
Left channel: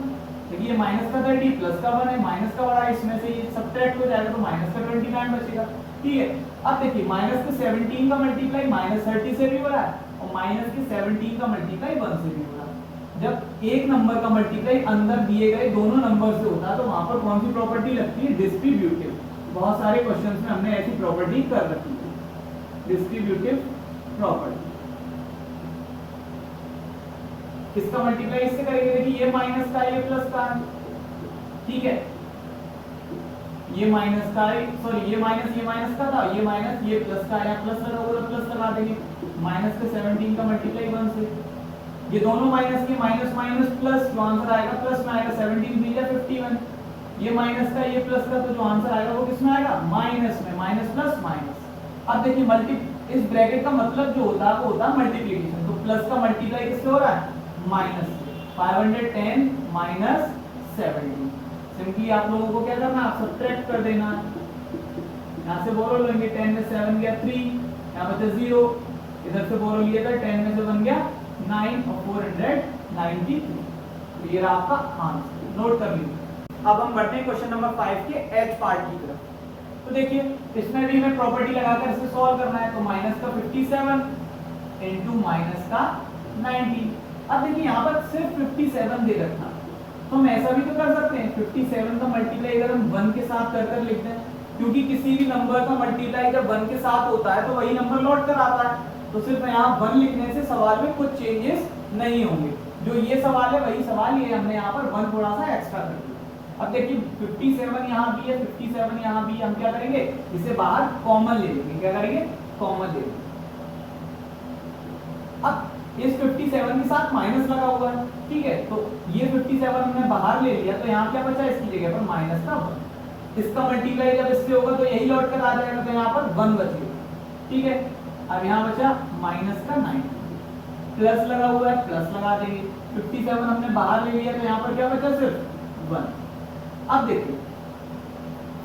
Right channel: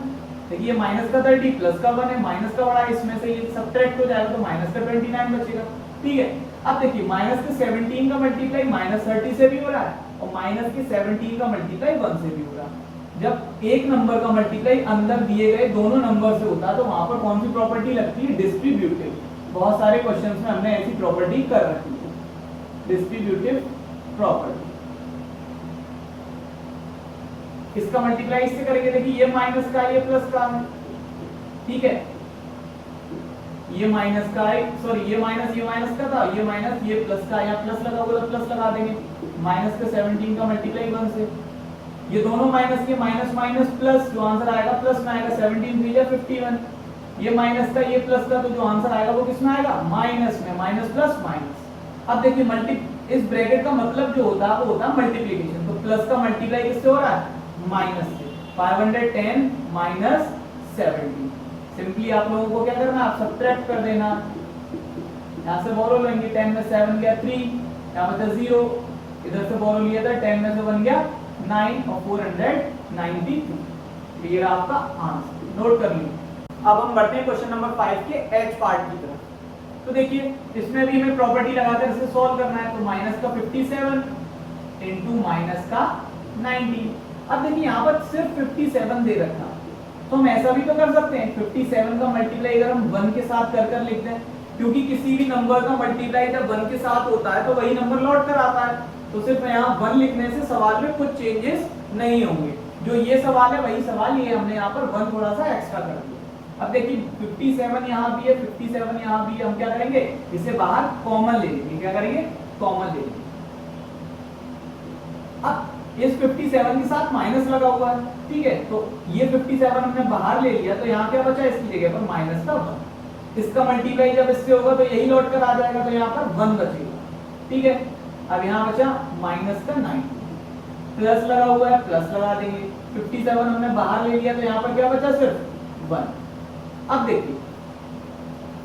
देखिए माइनस का 30 प्लस का 1 है, माइनस का बड़ा है, इसमें से ये सब्ट्रैक्ट हो जाएगा तो माइनस का 29 बचेगा। ठीक है, अब देखिए माइनस का 17 का मल्टीप्लाई माइनस 30 से भी हो रहा है और माइनस के 17 का मल्टीप्लाई 1 से भी हो रहा है। जब एक नंबर का मल्टीप्लाई अंदर दिए गए दोनों नंबर से होता है तो वहां पर कौन सी प्रॉपर्टी लगती है? डिस्ट्रीब्यूटिव। बहुत सारे क्वेश्चंस में हमने ऐसी प्रॉपर्टी कर रखी है, डिस्ट्रीब्यूटिव प्रॉपर्टी। किसका मल्टीप्लाई इससे करेंगे? देखिए ये माइनस का, ये प्लस का है। ठीक है, ये माइनस का है, सॉरी ये माइनस का था, ये माइनस, ये प्लस का, यहाँ प्लस लगा होगा तो प्लस लगा देंगे। माइनस का 17 का मल्टीप्लाई 1 से, ये दोनों माइनस के, माइनस माइनस प्लस, जो आंसर आएगा प्लस में आएगा। 17 3 51, ये माइनस का, ये प्लस का, तो जो आंसर आएगा वो किसमें आएगा? माइनस में। Minus plus minus. अब देखिए मल्टी, इस ब्रैकेट का मतलब जो होता है वो होता है मल्टीप्लिकेशन। तो प्लस का मल्टीप्लाई किससे हो रहा है? माइनस से। 510 माइनस 70। सिंपली आप लोगों को क्या करना है? आप सब्ट्रैक्ट कर देना। यहाँ से बोरो लेंगे, 10 में 7 गया 3, यहाँ बचा 0, इधर से बोरो लिया था, 10 में से 1 गया 9 और 492। ये रहा आपका आंसर, नोट कर लीजिए। अब हम बढ़ते हैं क्वेश्चन नंबर 5 के एच पार्ट की तरफ। तो देखिए इसमें भी हमें प्रॉपर्टी लगाकर इसे सॉल्व करना है। तो माइनस का 57 इंटू माइनस का 90। अब देखिए यहाँ पर सिर्फ 57 दे रखा है, तो हम ऐसा भी तो कर सकते हैं, 57 का मल्टीप्लाई अगर हम 1 के साथ कर लिख दें, क्योंकि किसी भी नंबर का मल्टीप्लाई जब 1 के साथ होता है तो वही नंबर लौट कर आता है। तो सिर्फ यहाँ 1 लिखने से सवाल में कुछ चेंजेस नहीं होंगे। जो ये सवाल है वही सवाल, ये हमने यहाँ पर 1 थोड़ा सा एक्स्ट्रा कर दिया। अब देखिए 57 यहाँ भी है, 57 यहाँ भी, हम क्या करेंगे? इसे बाहर कॉमन ले लेंगे। क्या करेंगे? कॉमन ले लेंगे। अब इस 57 के साथ माइनस लगा हुआ है, ठीक है, तो ये 57 हमने बाहर ले लिया, तो यहाँ क्या बचा? इसकी जगह पर माइनस का 1। इसका मल्टीप्लाई जब इससे होगा तो यही लौट कर आ जाएगा, तो यहाँ पर 1 बचेगा। ठीक है, अब यहाँ बचा माइनस का 9, प्लस लगा हुआ है, प्लस लगा देंगे। 57 हमने बाहर ले लिया, तो यहाँ पर क्या बचा? सिर्फ 1। अब देखिए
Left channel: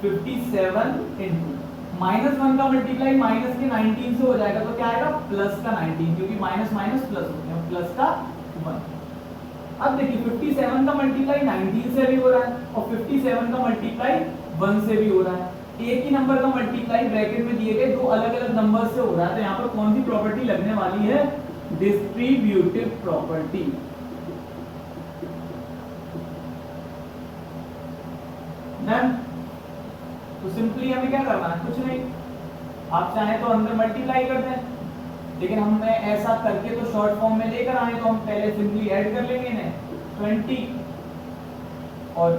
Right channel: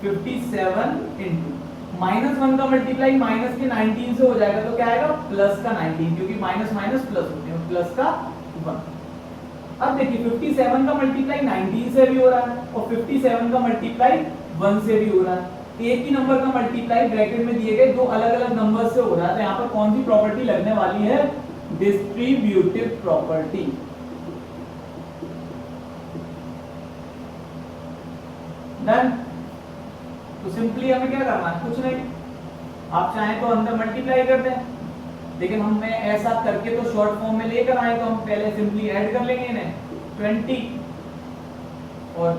57 इंटू माइनस 1 का मल्टीप्लाई माइनस के 19 से हो जाएगा, तो क्या आएगा? प्लस का 19, क्योंकि माइनस माइनस प्लस हो गया, प्लस का 1। अब देखिए 57 का मल्टीप्लाई 19 से भी हो रहा है और 57 का मल्टीप्लाई 1 से भी हो रहा है। एक ही नंबर का मल्टीप्लाई ब्रैकेट में दिए गए दो अलग अलग नंबर से हो रहा है, तो यहाँ पर कौन सी प्रॉपर्टी लगने वाली है? Distributive property. डन। तो सिंपली हमें क्या करना है? कुछ नहीं, आप चाहें तो अंदर मल्टीप्लाई कर दें, लेकिन हम ऐसा करके तो शॉर्ट फॉर्म में लेकर आए, तो हम पहले सिंपली ऐड कर लेंगे इन्हें 20 और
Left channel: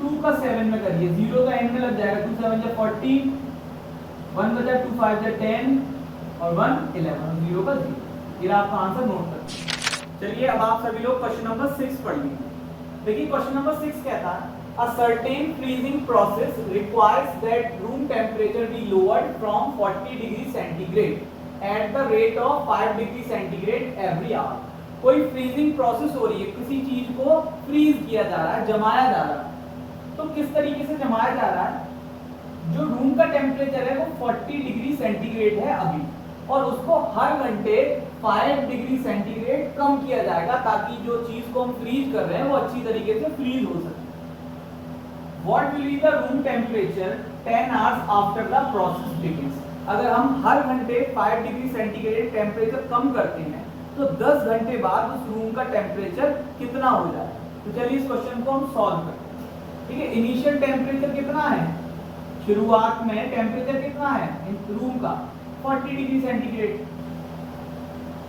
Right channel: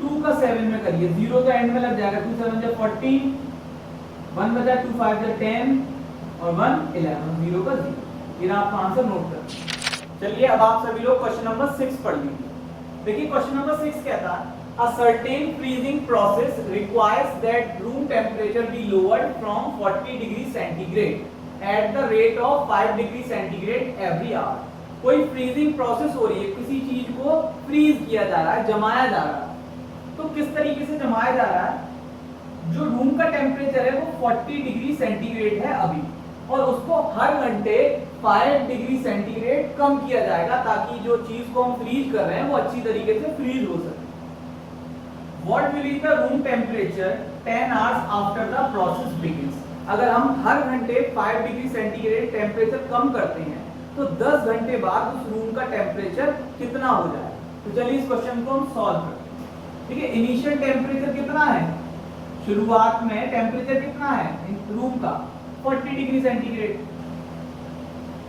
2 का 7 में करिए, 0 का एंड में लग जाएगा, 2 7 जा 40, 1 बचा 2 5 जा 10 और 1 11, 0 का 0। ये आपका आंसर नोट कर। चलिए अब आप सभी लोग क्वेश्चन नंबर 6 पढ़ लीजिए। देखिए क्वेश्चन नंबर 6 कहता है a certain freezing process requires that room temperature be lowered from 40 degree centigrade at the rate of 5 degree centigrade every hour। कोई फ्रीजिंग प्रोसेस हो रही है, किसी चीज को फ्रीज किया जा रहा है, जमाया जा रहा है। तो किस तरीके से जमाया जा रहा है, जो रूम का टेम्परेचर है वो 40 डिग्री सेंटीग्रेड है अभी, और उसको हर घंटे 5 डिग्री सेंटीग्रेड कम किया जाएगा, ताकि जो चीज को हम फ्रीज कर रहे हैं वो अच्छी तरीके से फ्रीज हो सके। What will be the room temperature 10 hours after the process begins? अगर हम हर घंटे 5 डिग्री सेंटीग्रेड टेम्परेचर कम करते हैं तो 10 घंटे बाद उस रूम का टेम्परेचर कितना हो जाएगा। तो चलिए इस क्वेश्चन को हम सॉल्व करते हैं। ठीक है, इनिशियल टेम्परेचर कितना है, शुरुआत में टेम्परेचर कितना है रूम का 40 degree centigrade.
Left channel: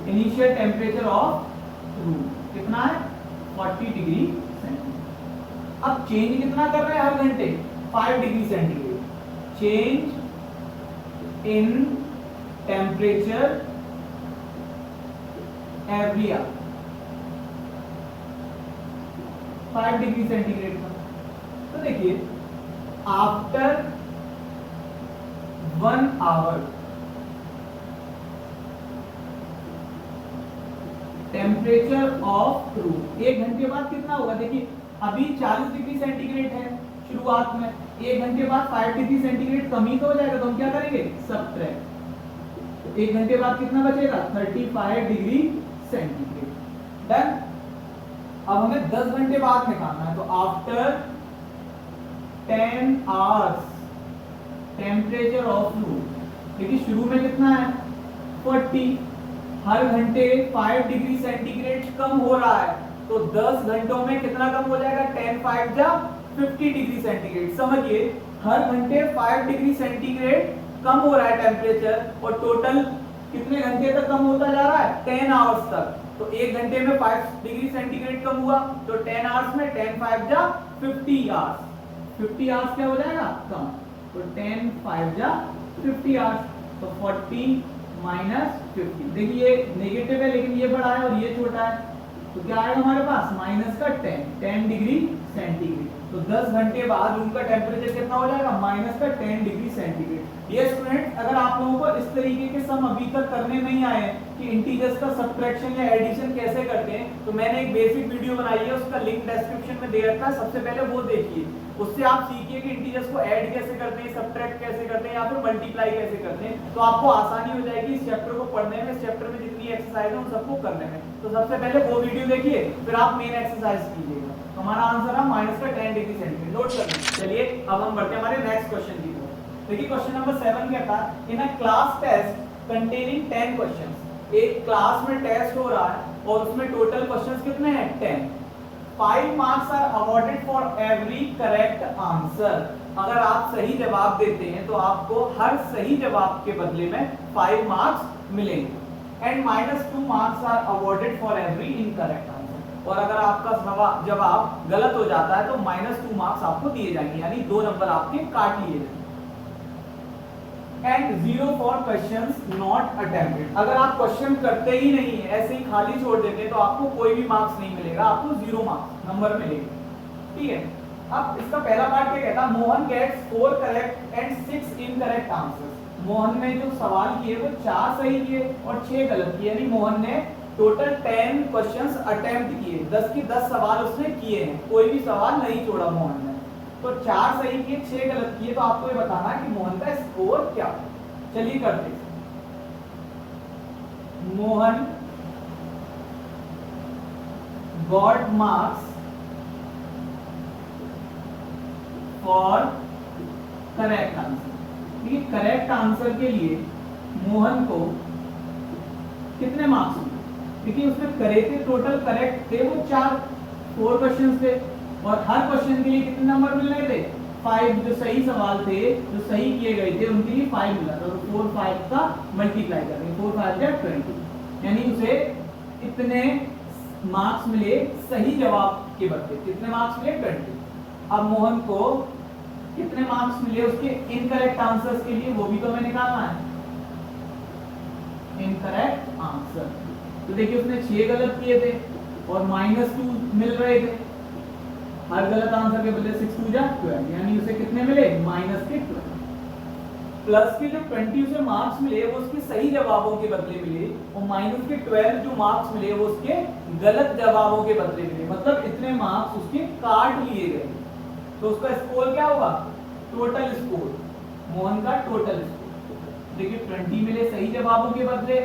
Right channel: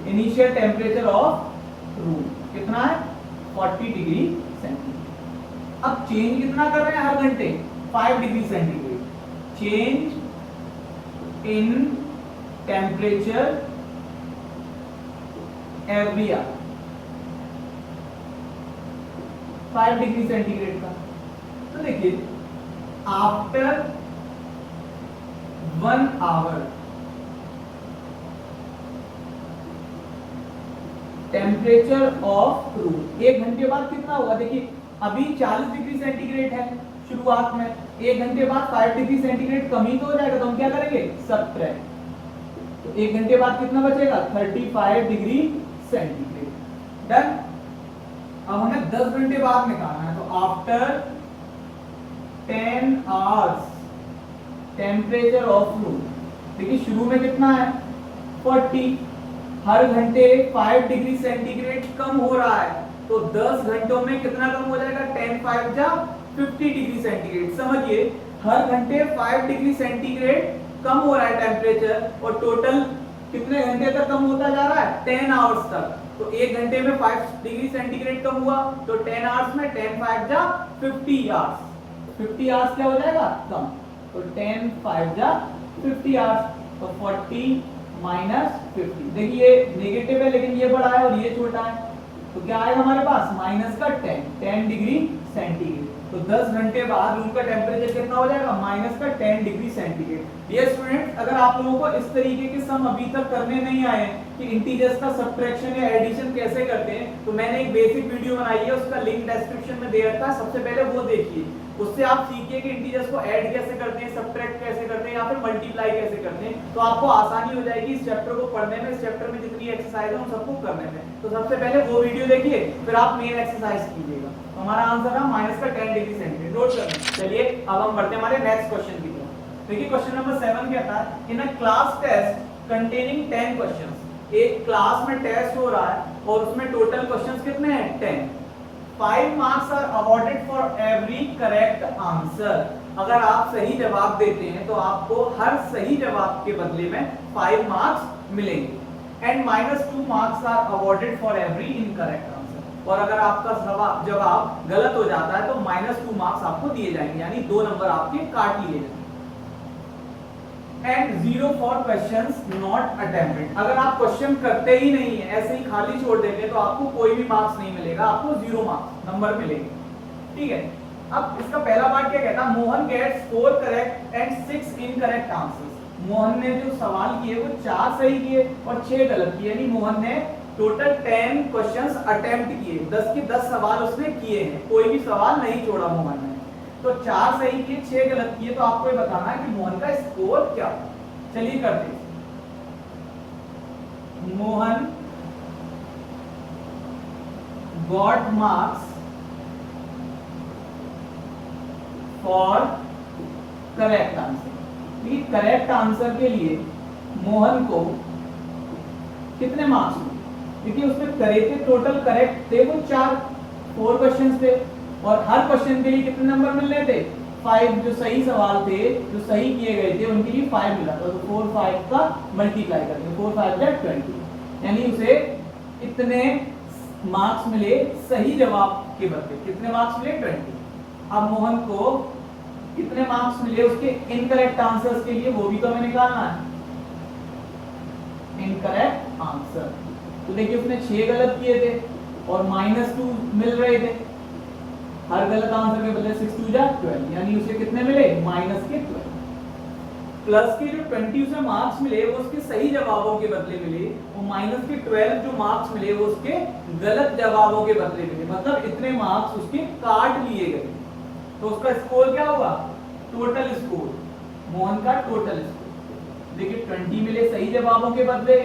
Initial temperature of room कितना है 40 डिग्री सेंटीग्रेड। अब चेंज कितना कर रहे हैं हर घंटे 5 degree centigrade. Change in temperature every hour 5 degree centigrade का। तो देखिए after 1 hour temperature of room, 1 घंटे बाद कितना होगा। देखिए अभी 40 डिग्री सेंटीग्रेड है शुरुआत में, 1 घंटे बाद 5 डिग्री सेंटीग्रेड कम ही तो हो जाएगा, तो हम क्या करेंगे सबट्रैक्ट। तो 1 घंटे बाद कितना बचेगा 35 डिग्री सेंटीग्रेड। डन। अब हमें 10 घंटे बाद निकालना है, तो after 10 hours temperature of room, देखिए शुरू में कितना है 40, हर घंटे 5 डिग्री सेंटीग्रेड कम हो रहा है, तो 10 घंटों में कितना कम हो जाएगा 10 5 जा 50 डिग्री सेंटीग्रेड। समझिए हर घंटे 5 डिग्री सेंटीग्रेड कम हो रहा है टेम्परेचर, और टोटल कितने घंटे तक कम होता जा रहा है 10 आवर्स तक। तो 1 घंटे में 5 डिग्री सेंटीग्रेड कम हुआ, तो 10 आवर्स में 10 5 जा 50 आवर्स, 50 आवर्स क्या हो जाएगा कम, तो 10 5 जा 50 आवर्स, तो 40 माइनस 50। देखिए नेगेटिव है लेकिन ये बड़ा है और ये छोटा है, तो क्या आएगा हमारे पास माइनस का 10 डिग्री सेंटीग्रेड। तो 10 घंटे बाद रूम का टेम्परेचर कितना हो जाएगा माइनस का 10 डिग्री सेंटीग्रेड। ये स्टूडेंट अगर आप लोगों को इस तरीके के सम अभी तक करने नहीं आए कि इंटीजर्स का सब्ट्रैक्शन या एडिशन कैसे करते हैं, तो मैंने एक बेसिक वीडियो बनाई है, उसका लिंक डिस्क्रिप्शन में दे रखा है, सबसे पहले वो देखिए, उससे आप सीखिए कि इंटीजर्स को ऐड कैसे करते हैं, सब्ट्रैक्ट कैसे करते हैं या फिर मल्टीप्लाई कैसे करते हैं। तो आपको आसानी हो जाएगी इस चैप्टर को पढ़ने में, इस चैप्टर में जितनी एक्सरसाइज है उन सबको करने में। तो सबसे पहले वो वीडियो देखिए, फिर आप मेन एक्सरसाइज कीजिएगा। तो हमारा आंसर है माइनस का 10 डिग्री सेंटीग्रेड। नोट कर लें। चलिए अब हम बढ़ते हैं हमारे नेक्स्ट क्वेश्चन की तरफ। देखिए क्वेश्चन नंबर 7 कहता है in a class test containing 10 questions. एक क्लास में टेस्ट हो रहा है और उसमें टोटल क्वेश्चंस कितने हैं 10। 5 marks are awarded for every correct answer. अगर आप सही जवाब देते हैं तो आपको हर सही जवाब के बदले में 5 मार्क्स मिलेंगे, and -2 marks are awarded for every incorrect answer. और अगर आपका जवाब गलत हो जाता है तो -2 मार्क्स आपको दिए जाएंगे, यानी 2 नंबर आपके काट लिए जाएंगे। And 0 for questions not attempted. अगर आप क्वेश्चन करते ही नहीं है, ऐसे ही खाली छोड़ देते हैं, तो आपको कोई भी मार्क्स नहीं मिलेगा, आपको 0 मार्क्स नंबर मिलेंगे। ठीक है, अब इसका पहला पार्ट क्या कहता है, Mohan gets 4 correct and 6 incorrect answers. Mohan ने जो सवाल किए वो 4 सही किए और 6 गलत किए, यानी मोहन ने टोटल 10 क्वेश्चंस अटेम्प्ट किए, 10 के 10 सवाल उसने किए हैं, कोई भी सवाल नहीं छोड़ा मोहन ने। तो 4 सही किए 6 गलत किए, तो आपको ये बताना है कि मोहन का स्कोर क्या होगा। चलिए करते हैं। Mohan got marks for correct answer. ठीक, करेक्ट आंसर के लिए मोहन को कितने मार्क्स मिले, क्योंकि उसमें करे थे टोटल करेक्ट थे वो 4 क्वेश्चन थे, और हर क्वेश्चन के लिए कितने नंबर मिलने थे 5 जो सही सवाल थे, जो सही किए गए थे, उनके लिए 5 मिला था। तो 4 5 का मल्टीप्लाई कर देंगे, 4 5 या 20, यानी उसे इतने मार्क्स मिले सही जवाब के बदले। कितने मार्क्स मिले? 20। अब मोहन को कितने मार्क्स मिले उसके इनकरेक्ट आंसर्स के लिए, वो भी तो हमें निकालना है। इनकरेक्ट आंसर, तो देखिए उसने 6 गलत किए थे और -2 मिल रहे थे। हर गलत आंसर के बदले 6 2 जा 12, यानी उसे कितने मिले? -12। प्लस के जो 20 उसे मार्क्स मिले वो उसके सही जवाबों के बदले मिले, और माइनस के 12 जो मार्क्स मिले वो उसके गलत जवाबों के बदले मिले। मतलब इतने मार्क्स उसके काट लिए गए। तो उसका स्कोर क्या होगा? टोटल स्कोर, मोहन का टोटल स्कोर। देखिए 20 मिले सही जवाबों के बदले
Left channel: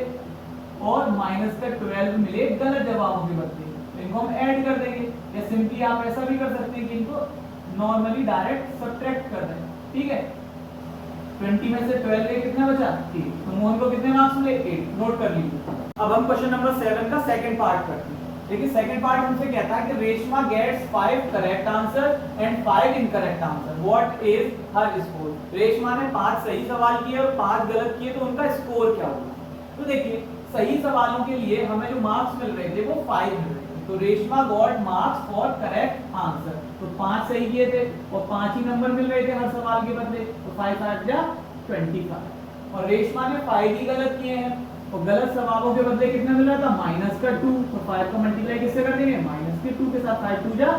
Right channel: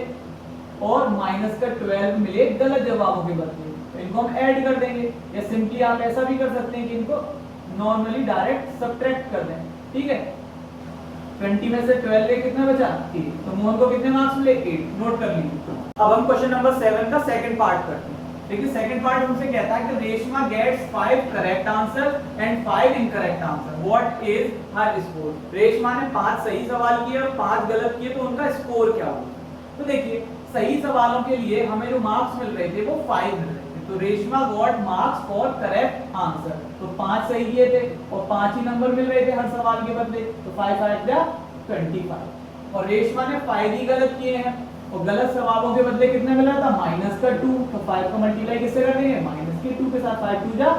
और माइनस का 12 मिले गलत जवाबों के बदले। तो इनको हम ऐड कर देंगे, या सिंपली आप ऐसा भी कर सकते हैं कि इनको नॉर्मली डायरेक्ट सब्ट्रैक्ट कर दें। ठीक है, 20 में से 12 गए, कितना बचा? 8। तो मोहन को कितने मार्क्स मिले? 8। नोट कर लीजिए। अब हम क्वेश्चन नंबर 7 का सेकंड पार्ट करते हैं। देखिए सेकंड पार्ट हमसे कहता है कि Reshma gets 5 correct answer and 5 incorrect answer, what is her score. Reshma ने 5 सही सवाल किए और 5 गलत किए, तो उनका स्कोर क्या होगा? तो देखिए सही सवालों के लिए हमें जो मार्क्स मिल रहे थे वो 5 मिल रहे थे। तो Reshma got marks for correct answer, तो 5 सही किए थे और 5 ही नंबर मिल रहे थे हर सवाल के बदले। तो 5 5 जा 25। और रेशमा ने 5 ही गलत किए हैं और गलत जवाबों के बदले कितना मिला था? -2। तो 5 का मल्टीप्लाई किससे कर देंगे? -2 के साथ। 5 2 जा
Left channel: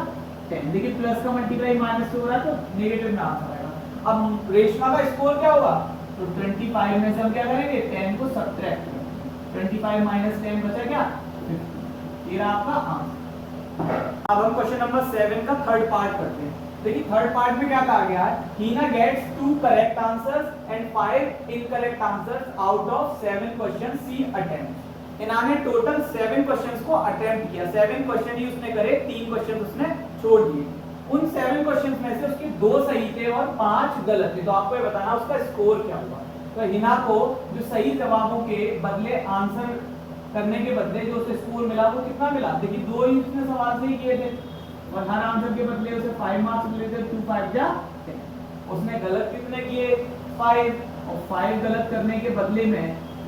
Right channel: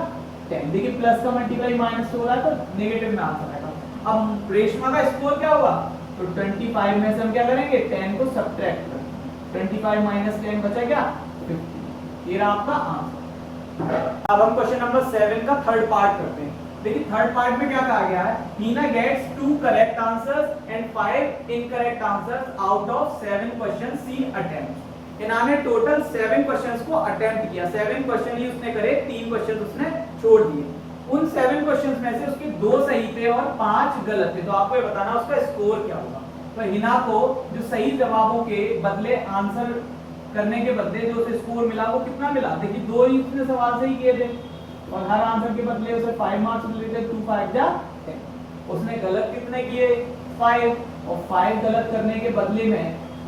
10। देखिए प्लस का मल्टीप्लाई माइनस से हो रहा है तो नेगेटिव में आंसर आएगा। अब रेशमा का स्कोर क्या होगा? तो 25 में से हम क्या करेंगे? 10 को सब्ट्रैक्ट करेंगे। 25 - 10 बचा क्या? 50। ये रहा आपका आंसर। अब हम क्वेश्चन नंबर 7 का थर्ड पार्ट करते हैं। देखिए थर्ड पार्ट में क्या कहा गया है? Heena gets 2 correct answers and 5 incorrect answers out of 7 question she attempt. इन्होंने टोटल 7 क्वेश्चंस को अटेम्प्ट किया। 7 क्वेश्चन ही उसने करे, 3 क्वेश्चन उसने छोड़ दिए। उन 7 क्वेश्चंस में से उसके 2 सही थे और 5 गलत थे। तो आपको ये बताना उसका स्कोर क्या होगा। तो हिना को जो सही जवाबों के बदले आंसर करने के बदले जो उसे स्कोर मिला वो कितना मिला? देखिए 2 ही उसने सवाल सही किए थे और हर आंसर के बदले उसे 5 मार्क्स मिले थे। 2 5 जा 10। उसने गलत कितने किए? 5। और 5 गलत करने के बदले में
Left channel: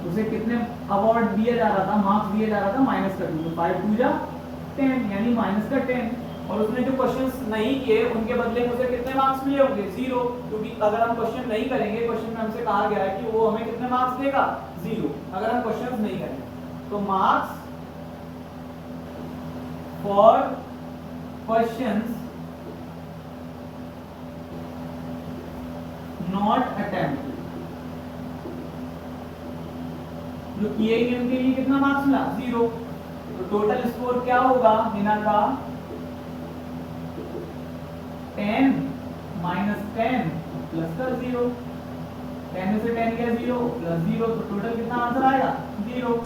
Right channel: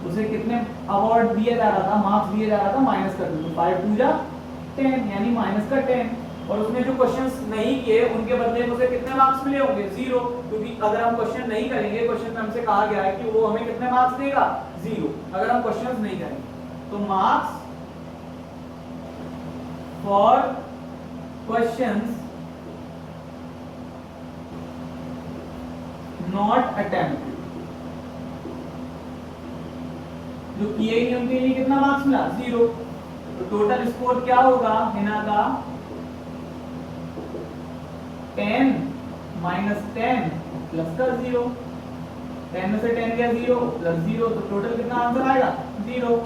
उसे कितने अवार्ड दिया जा रहा था, मार्क्स दिया जा रहा था? -2। तो 5 2 जा 10, यानी -10। और उसने जो क्वेश्चंस नहीं किए उनके बदले में उसे कितने मार्क्स मिले होंगे? 0, क्योंकि अगर हम क्वेश्चन नहीं करेंगे, क्वेश्चन में हमसे कहा गया है कि वो हमें कितने मार्क्स देगा? 0, अगर हम क्वेश्चंस नहीं करेंगे। तो marks for questions not attempt, जो किए ही नहीं उनके लिए कितना मार्क्स मिला? 0। तो टोटल स्कोर क्या होगा हिना का? 10 - 10 प्लस का 0। 10 में से 10 गया 0 प्लस 0, तो टोटल कितना आंसर आएगा? 0।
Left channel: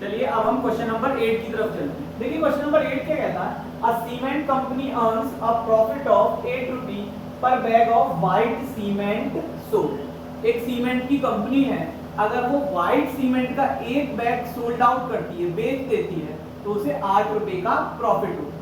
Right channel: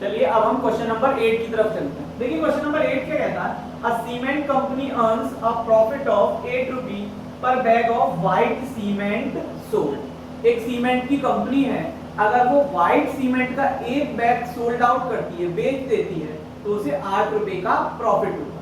चलिए अब हम क्वेश्चन नंबर 8 की तरफ चलते हैं। देखिए क्वेश्चन नंबर 8 क्या कहता है? A cement company earns a profit of 8 rupee per bag of white cement sold. एक सीमेंट की कंपनी है, अगर वो व्हाइट सीमेंट का एक बैग सोल्ड आउट करती है, बेच देती है, तो उसे 8 रुपए का प्रॉफिट होगा।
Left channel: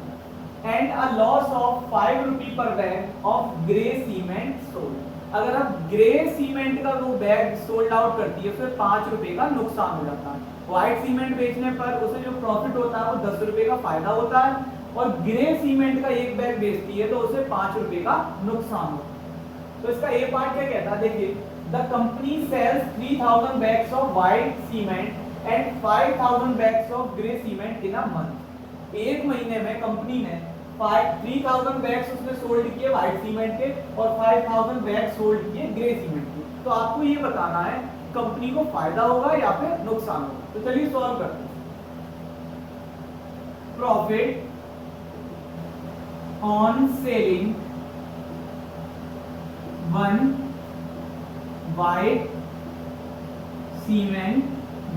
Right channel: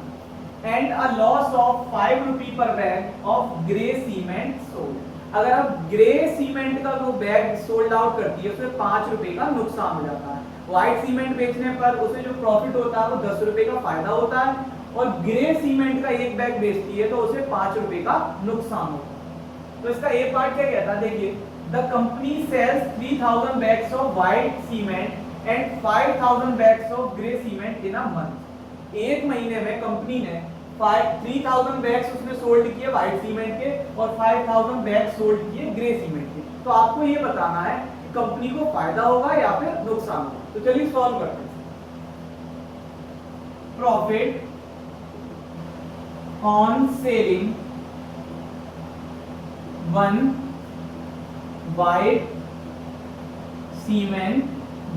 And a loss of 5 rupee per bag of grey cement sold. अगर आप ग्रे सीमेंट का वो बैग सोल्ड आउट करती है, उसमें 5 रुपए का नुकसान हो जाता है। व्हाइट सीमेंट बेचने पर उसे जो प्रॉफिट होता है वो 10 रुपए का फायदा होता है, और ग्रे सीमेंट का एक बैग बेचती है तो उसे 5 रुपए का नुकसान होता है। तो इसका ए पार्ट क्या कहता है? देखिए the company sells 3000 bags of white cement and 5000 bags of grey cement in a month. एक महीने में कंपनी ने 3000 बैग्स उसने सोल्ड किए व्हाइट सीमेंट के और 5000 बैग सोल्ड किए ग्रे सीमेंट के। तो आपको ये बताना है कंपनी को फायदा होगा या फिर नुकसान होगा। तो चलिए सॉल्व करते हैं। Profit on selling 1 white cement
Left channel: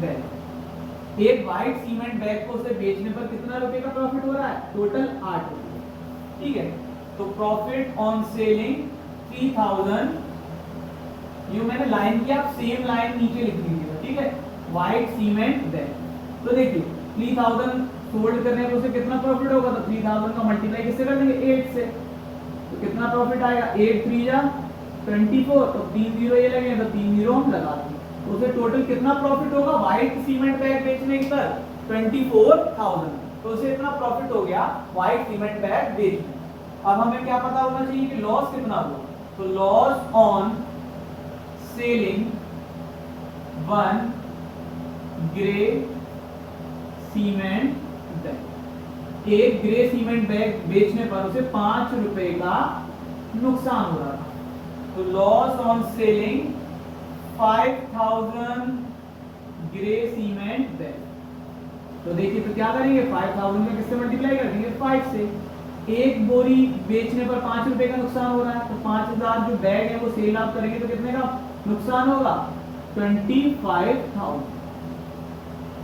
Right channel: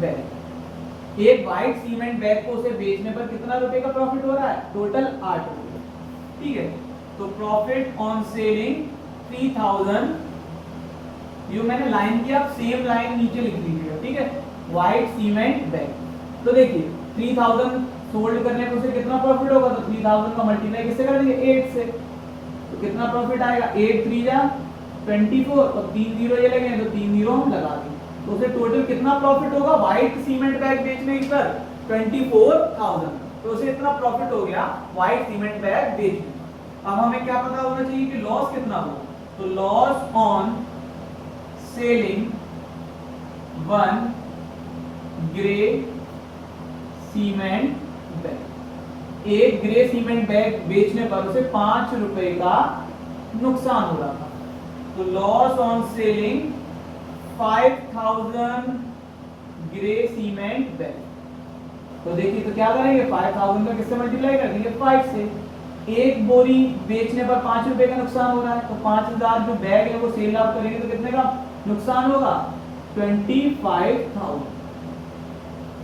bag. एक व्हाइट सीमेंट बैग को उसे बेचने पर कितना रुपए का प्रॉफिट हो रहा है? टोटल 8 रुपए। ठीक है, तो प्रॉफिट ऑन सेलिंग 3000, ये मैंने लाइन की, आप सेम लाइन नीचे लिख लीजिएगा। ठीक है, व्हाइट सीमेंट बैग। तो देखिए 3000 सोल्ड करने पर उसे कितना प्रॉफिट होगा? तो 3000 का मल्टीप्लाई किससे कर देंगे? 8 से। तो कितना प्रॉफिट आएगा, 8 3 जा 24, तो 3 जीरो ये लगे तो 3 जीरो हम लगा देंगे, तो उसे टोटल कितना प्रॉफिट होगा व्हाइट सीमेंट बैग बेचने पर 24,000, तो उसे इतना प्रॉफिट हो गया व्हाइट सीमेंट बैग बेचने पर। अब हमें क्या पता होना चाहिए कि लॉस कितना हुआ, तो loss on selling 1 grey cement bag, एक ग्रे सीमेंट बैग बेचने पर उसे 5 रुपए का नुकसान हो रहा था, तो loss on selling 5000 grey cement bag. तो देखिए तो क्या करेंगे, 5000 का किससे मल्टीप्लाई कर देंगे, 5 से। एक बोरी बेचने पर 5 रुपए का नुकसान हो रहा है, तो 5000 जो बैग है वो सेल आउट करेंगे तो कितने का नुकसान होगा, 25,000।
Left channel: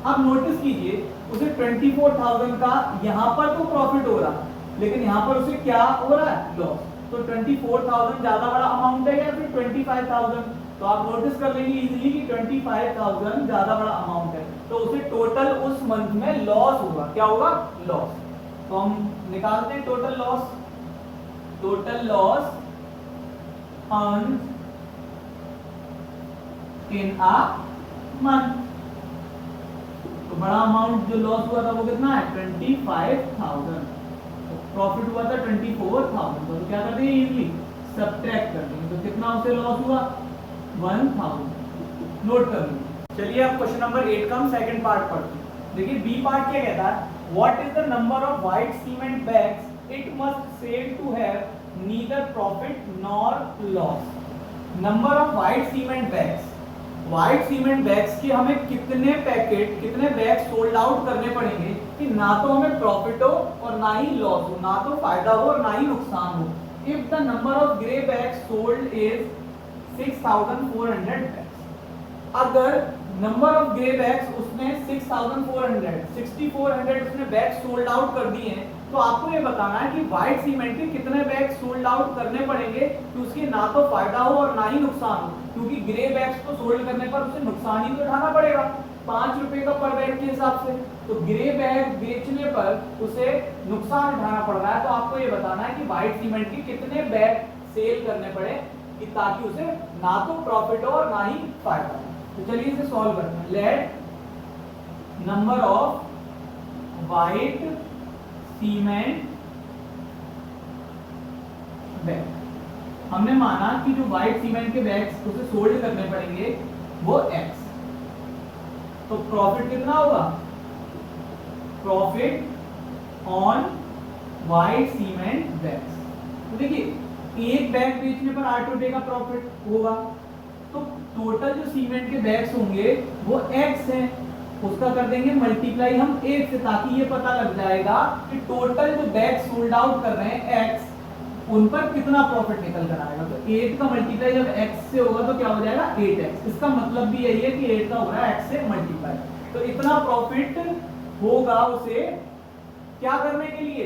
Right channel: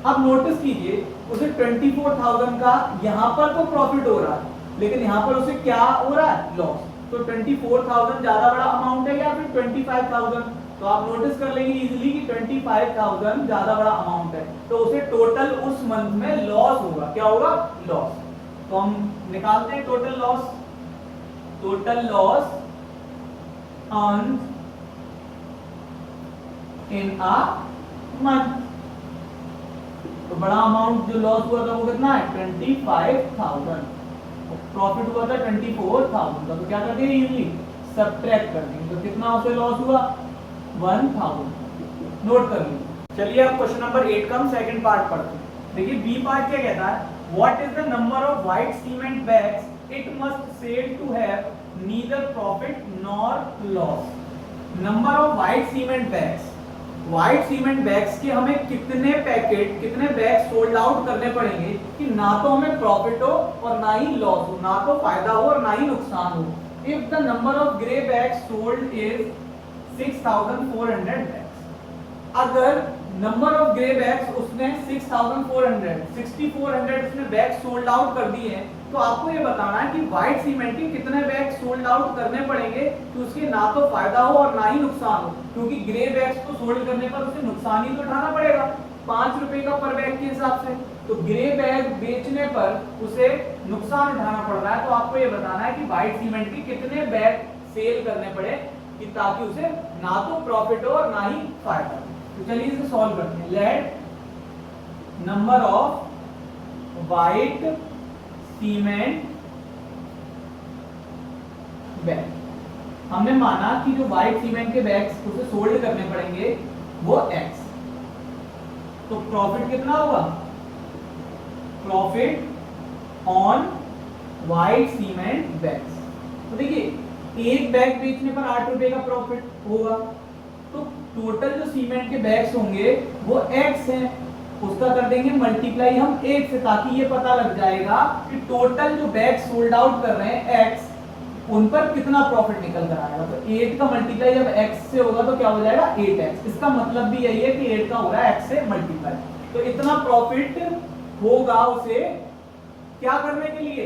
अब नोटिस कीजिए उसे 24,000 का यहाँ पर तो प्रॉफिट हो रहा है, लेकिन यहाँ पर उसे क्या हो रहा है, लॉस। तो 24,000 ज्यादा बड़ा अमाउंट है या फिर 25,000, तो आप नोटिस कर लेंगे इजीली कि 25,000 ज्यादा बड़ा अमाउंट है, तो उसे टोटल उस मंथ में लॉस होगा, क्या होगा, लॉस। तो हम निकालते हैं total loss, total loss earn in a month. तो बड़ा अमाउंट जो लॉस हुआ था वो कितना है, 25,000, प्रॉफिट हुआ था 24,000 का, तो क्या कर देंगे इजीली सब्ट्रैक्ट कर देंगे, तो कितना उसे लॉस हुआ 1,000, नोट कर लीजिए। चलिए अब क्वेश्चन नंबर 8 का हम सेकंड पार्ट पढ़ते हैं। देखिए बी पार्ट क्या कहता है, what is the number of white cement bags it must sell to have neither profit nor loss. Number of white cement bags, white cement bags के हमें कितने पैकेट, कितने बैग सोल्ड आउट करने पड़ेंगे कि ना तो हमें प्रॉफिट हो और ना ही लॉस हो, ना तो फायदा हो और ना ही नुकसान हो। If the number of grey bags sold is 6,400 bags, अगर नंबर ऑफ ग्रे बैग्स उसने 6,400 उसने बैग सोल्ड आउट कर दिए हैं, तो आपको ये बताना है कि व्हाइट सीमेंट के कितने बैग सोल्ड आउट करने पड़ेंगे कि उसके ना तो फायदा हो और ना ही नुकसान हो, क्योंकि ग्रे बैग्स को सोल्ड करने पर उसे नुकसान ही तो उठाना पड़ेगा 5 रुपए का पर बैग के हिसाब से, तो ग्रे बैग बेचने पर उसे नुकसान उठाना पड़ रहा है। तो आपको ये बताना है कि व्हाइट सीमेंट के कितने बैग सेल करने पड़े कि ताकि उसे ना तो प्रॉफिट हो और ना ही फायदा हो। तो चलिए इसे सॉल्व करते हैं। Let number of white cement bag, हमने माना कि जो व्हाइट सीमेंट के बैग्स उसे सोल्ड करने पड़ेंगे वो x, तो प्रॉफिट कितना होगा, profit on white cement bags. तो देखिए एक बैग बेचने पर 8 रुपए का प्रॉफिट होगा, तो टोटल जो सीमेंट के बैग्स होंगे वो x है, उसका कर देंगे मल्टीप्लाई हम 8 से, ताकि ये पता लग जाएगा कि टोटल जो बैग सोल्ड आउट कर रहे हैं x, उन पर कितना प्रॉफिट निकल कर आएगा। तो 8 का मल्टीप्लाई जब x से होगा तो क्या हो जाएगा 8x, इसका मतलब भी यही है कि 8 का हो रहा है x से मल्टीप्लाई, तो इतना प्रॉफिट होगा उसे क्या करने के लिए,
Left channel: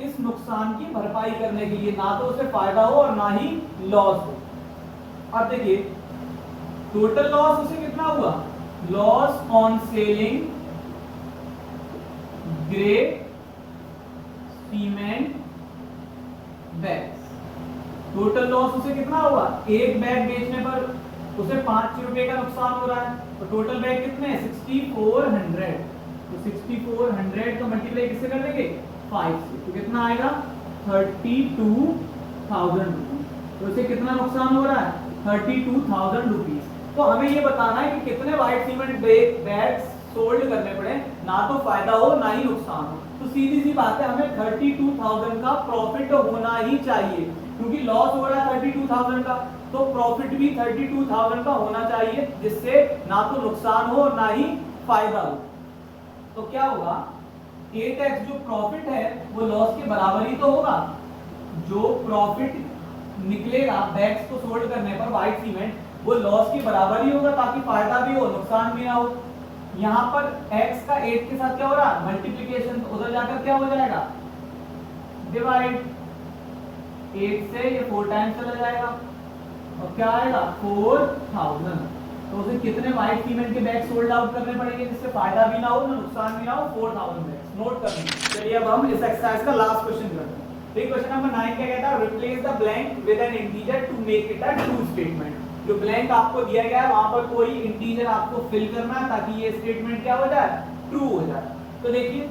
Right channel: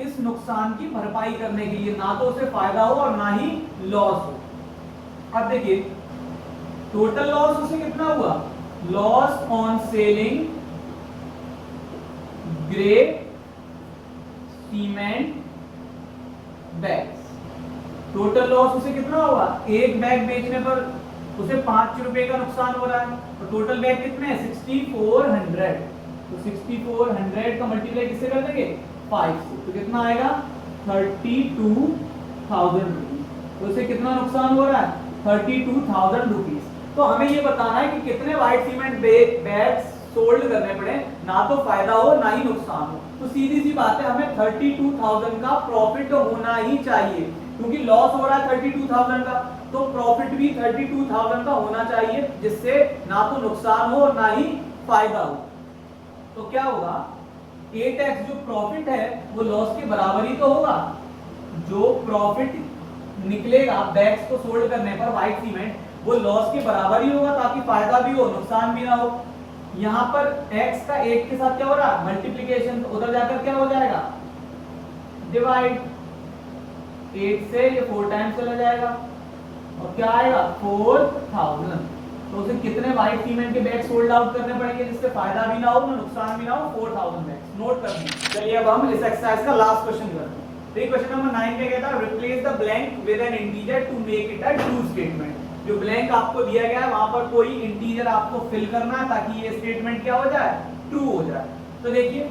इस नुकसान की भरपाई करने के लिए, ना तो उसे फायदा हो और ना ही लॉस हो। अब देखिए टोटल लॉस उसे कितना हुआ, loss on selling grey cement bags, total loss उसे कितना होगा, एक बैग बेचने पर उसे 5 रुपए का नुकसान हो रहा है, और टोटल बैग कितने हैं 6,400, तो 6,400 का मल्टीप्लाई किससे कर देंगे 5 से, तो कितना आएगा 32,000 रुपीज, तो उसे कितना नुकसान हो रहा है 32,000 रुपीज। तो हमें ये बताना है कि कितने व्हाइट सीमेंट बैग सोल्ड करने पड़े, ना तो फायदा हो ना ही नुकसान हो। तो सीधी सी बात है हमें 32,000 का प्रॉफिट होना ही चाहिए, क्योंकि लॉस हो रहा है 32,000 का, तो प्रॉफिट भी 32,000 का होना चाहिए, जिससे ना तो नुकसान हो और ना ही फायदा हो। तो क्या होगा 8x जो प्रॉफिट है वो लॉस के बराबर ही तो होगा, जो प्रॉफिट निकलेगा बैग्स को सोल्ड करने पर व्हाइट सीमेंट, वो लॉस के बराबर ही होगा, ताकि फायदा भी हो नुकसान भी ना हो। यहाँ पर x का 8 के साथ क्या हो रहा है मल्टीप्लिकेशन, तो उधर जाकर क्या हो जाएगा डिवाइड, 8 से ये 4 टाइम्स चला जाएगा और क्या आएगा 4,000। तो उसे कितने व्हाइट सीमेंट के बैग सोल्ड आउट करने पड़ेंगे जिससे फायदा भी ना हो ना नुकसान भी ना हो, 4,000 बैग, नोट कर लीजिए। चलिए अब हम इस एक्सरसाइज का लास्ट क्वेश्चन करते हैं। देखिए क्वेश्चन नंबर 9 क्या कहता है, replace the blank with an integer to make it a true statement. जो ब्लैंक आपको दिया गया है वहां पर कोई इंटीजर आपको फिल करना है ताकि ये स्टेटमेंट क्या हो जाए, ट्रू हो जाए। तो देखिए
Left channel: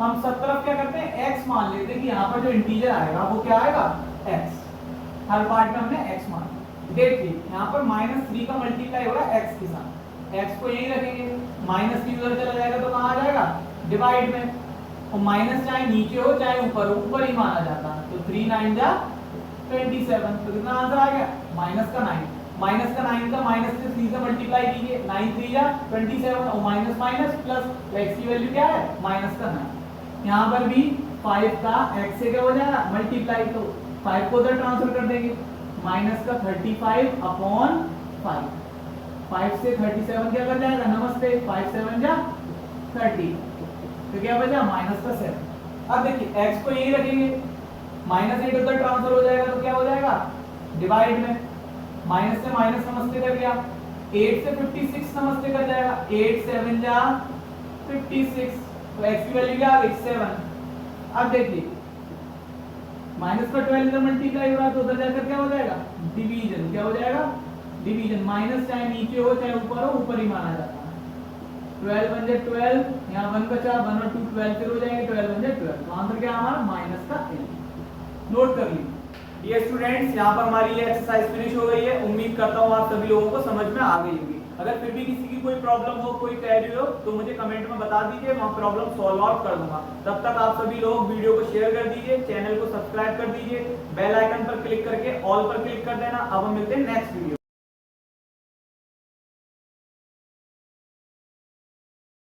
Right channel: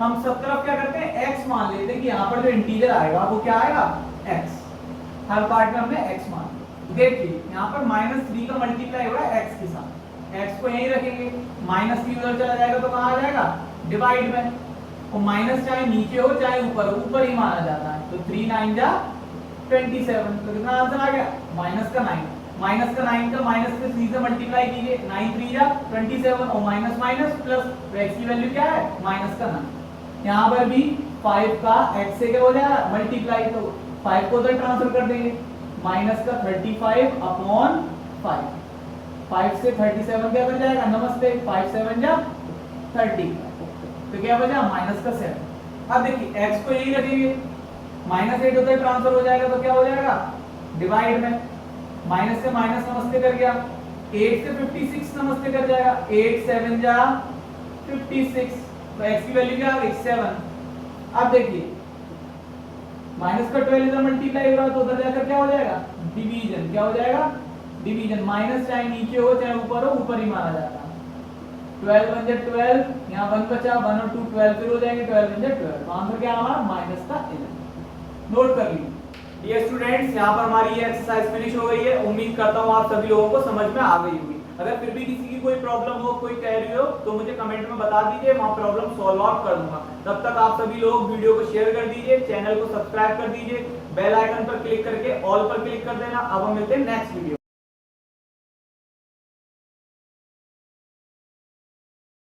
हम सब तरफ क्या करते हैं, x मान लेते हैं कि यहाँ पर जो इंटीजर आएगा वो क्या आएगा, x। हर पार्ट में हमने x मान लिया। देखिए यहाँ पर -3 का मल्टीप्लाई हो रहा है x के साथ, x को यहीं रखेंगे, -3 उधर चला जाएगा तो कहाँ आ जाएगा, डिवाइड में। और माइनस चाहे नीचे हो चाहे ऊपर हो, ऊपर ही माना जाता है। तो 3 9 जा 27, तो कितना आंसर आ गया, माइनस का 9। माइनस का 9 का माइनस से 3 से मल्टीप्लाई कीजिए, 9 3 जा 27 और माइनस माइनस प्लस, तो x की वैल्यू क्या है, माइनस का 9। यहाँ पर भी 5 का x से क्या हो जाएगा, मल्टीप्लाई, तो 5 को उधर ट्रांसफर कर देंगे, माइनस का 35 अपॉन 5। 5 से 37 क्या कर जाएगा, नमस्ते, 5 7 जा 30, तो क्या बचा, माइनस का 7। अब देखिए x को यही रखेंगे, -8 उधर ट्रांसफर हो जाएगा तो क्या हो जाएगा, डिवाइड में, माइनस से माइनस नमस्ते कर गया, 8 से 56 नमस्ते कर जाएगा, 8 7 जा 56, तो x की वैल्यू क्या आ गई, 7। अब देखिए माइनस का 12 इधर मल्टीप्लाई हो रहा है तो उधर जाकर क्या हो जाएगा, डिवीजन, क्या हो जाएगा, डिवीजन। माइनस चाहे नीचे हो चाहे ऊपर हो, ऊपर ही माना जाता है। 12 बन जाए 12, यहाँ 1 बचा, 1 और 2 12 फिर हो जाएंगे, 12 बन जाए 12, तो आंसर क्या हमारा, माइनस का 11। नोट कर लीजिए। डियर स्टूडेंट्स, यहाँ पर हमारी ये एक्सरसाइज फिनिश हो गई है। उम्मीद करता हूँ आप सभी लोगों को समझ में आ गई होगी। अगर फिर भी किसी की कोई प्रॉब्लम हो, कोई क्वेरी हो, तो मुझे कमेंट में बता दीजिए, वहाँ प्रॉब्लम सॉल्व आउट कर दूंगा। तब तक आप सभी लोग वीडियो को शेयर कर दीजिए, चैनल को सब्सक्राइब कर दीजिए, बेल आइकन पर क्लिक करके ऑल पर क्लिक कर देना। अब हम मिलते हैं नेक्स्ट वीडियो।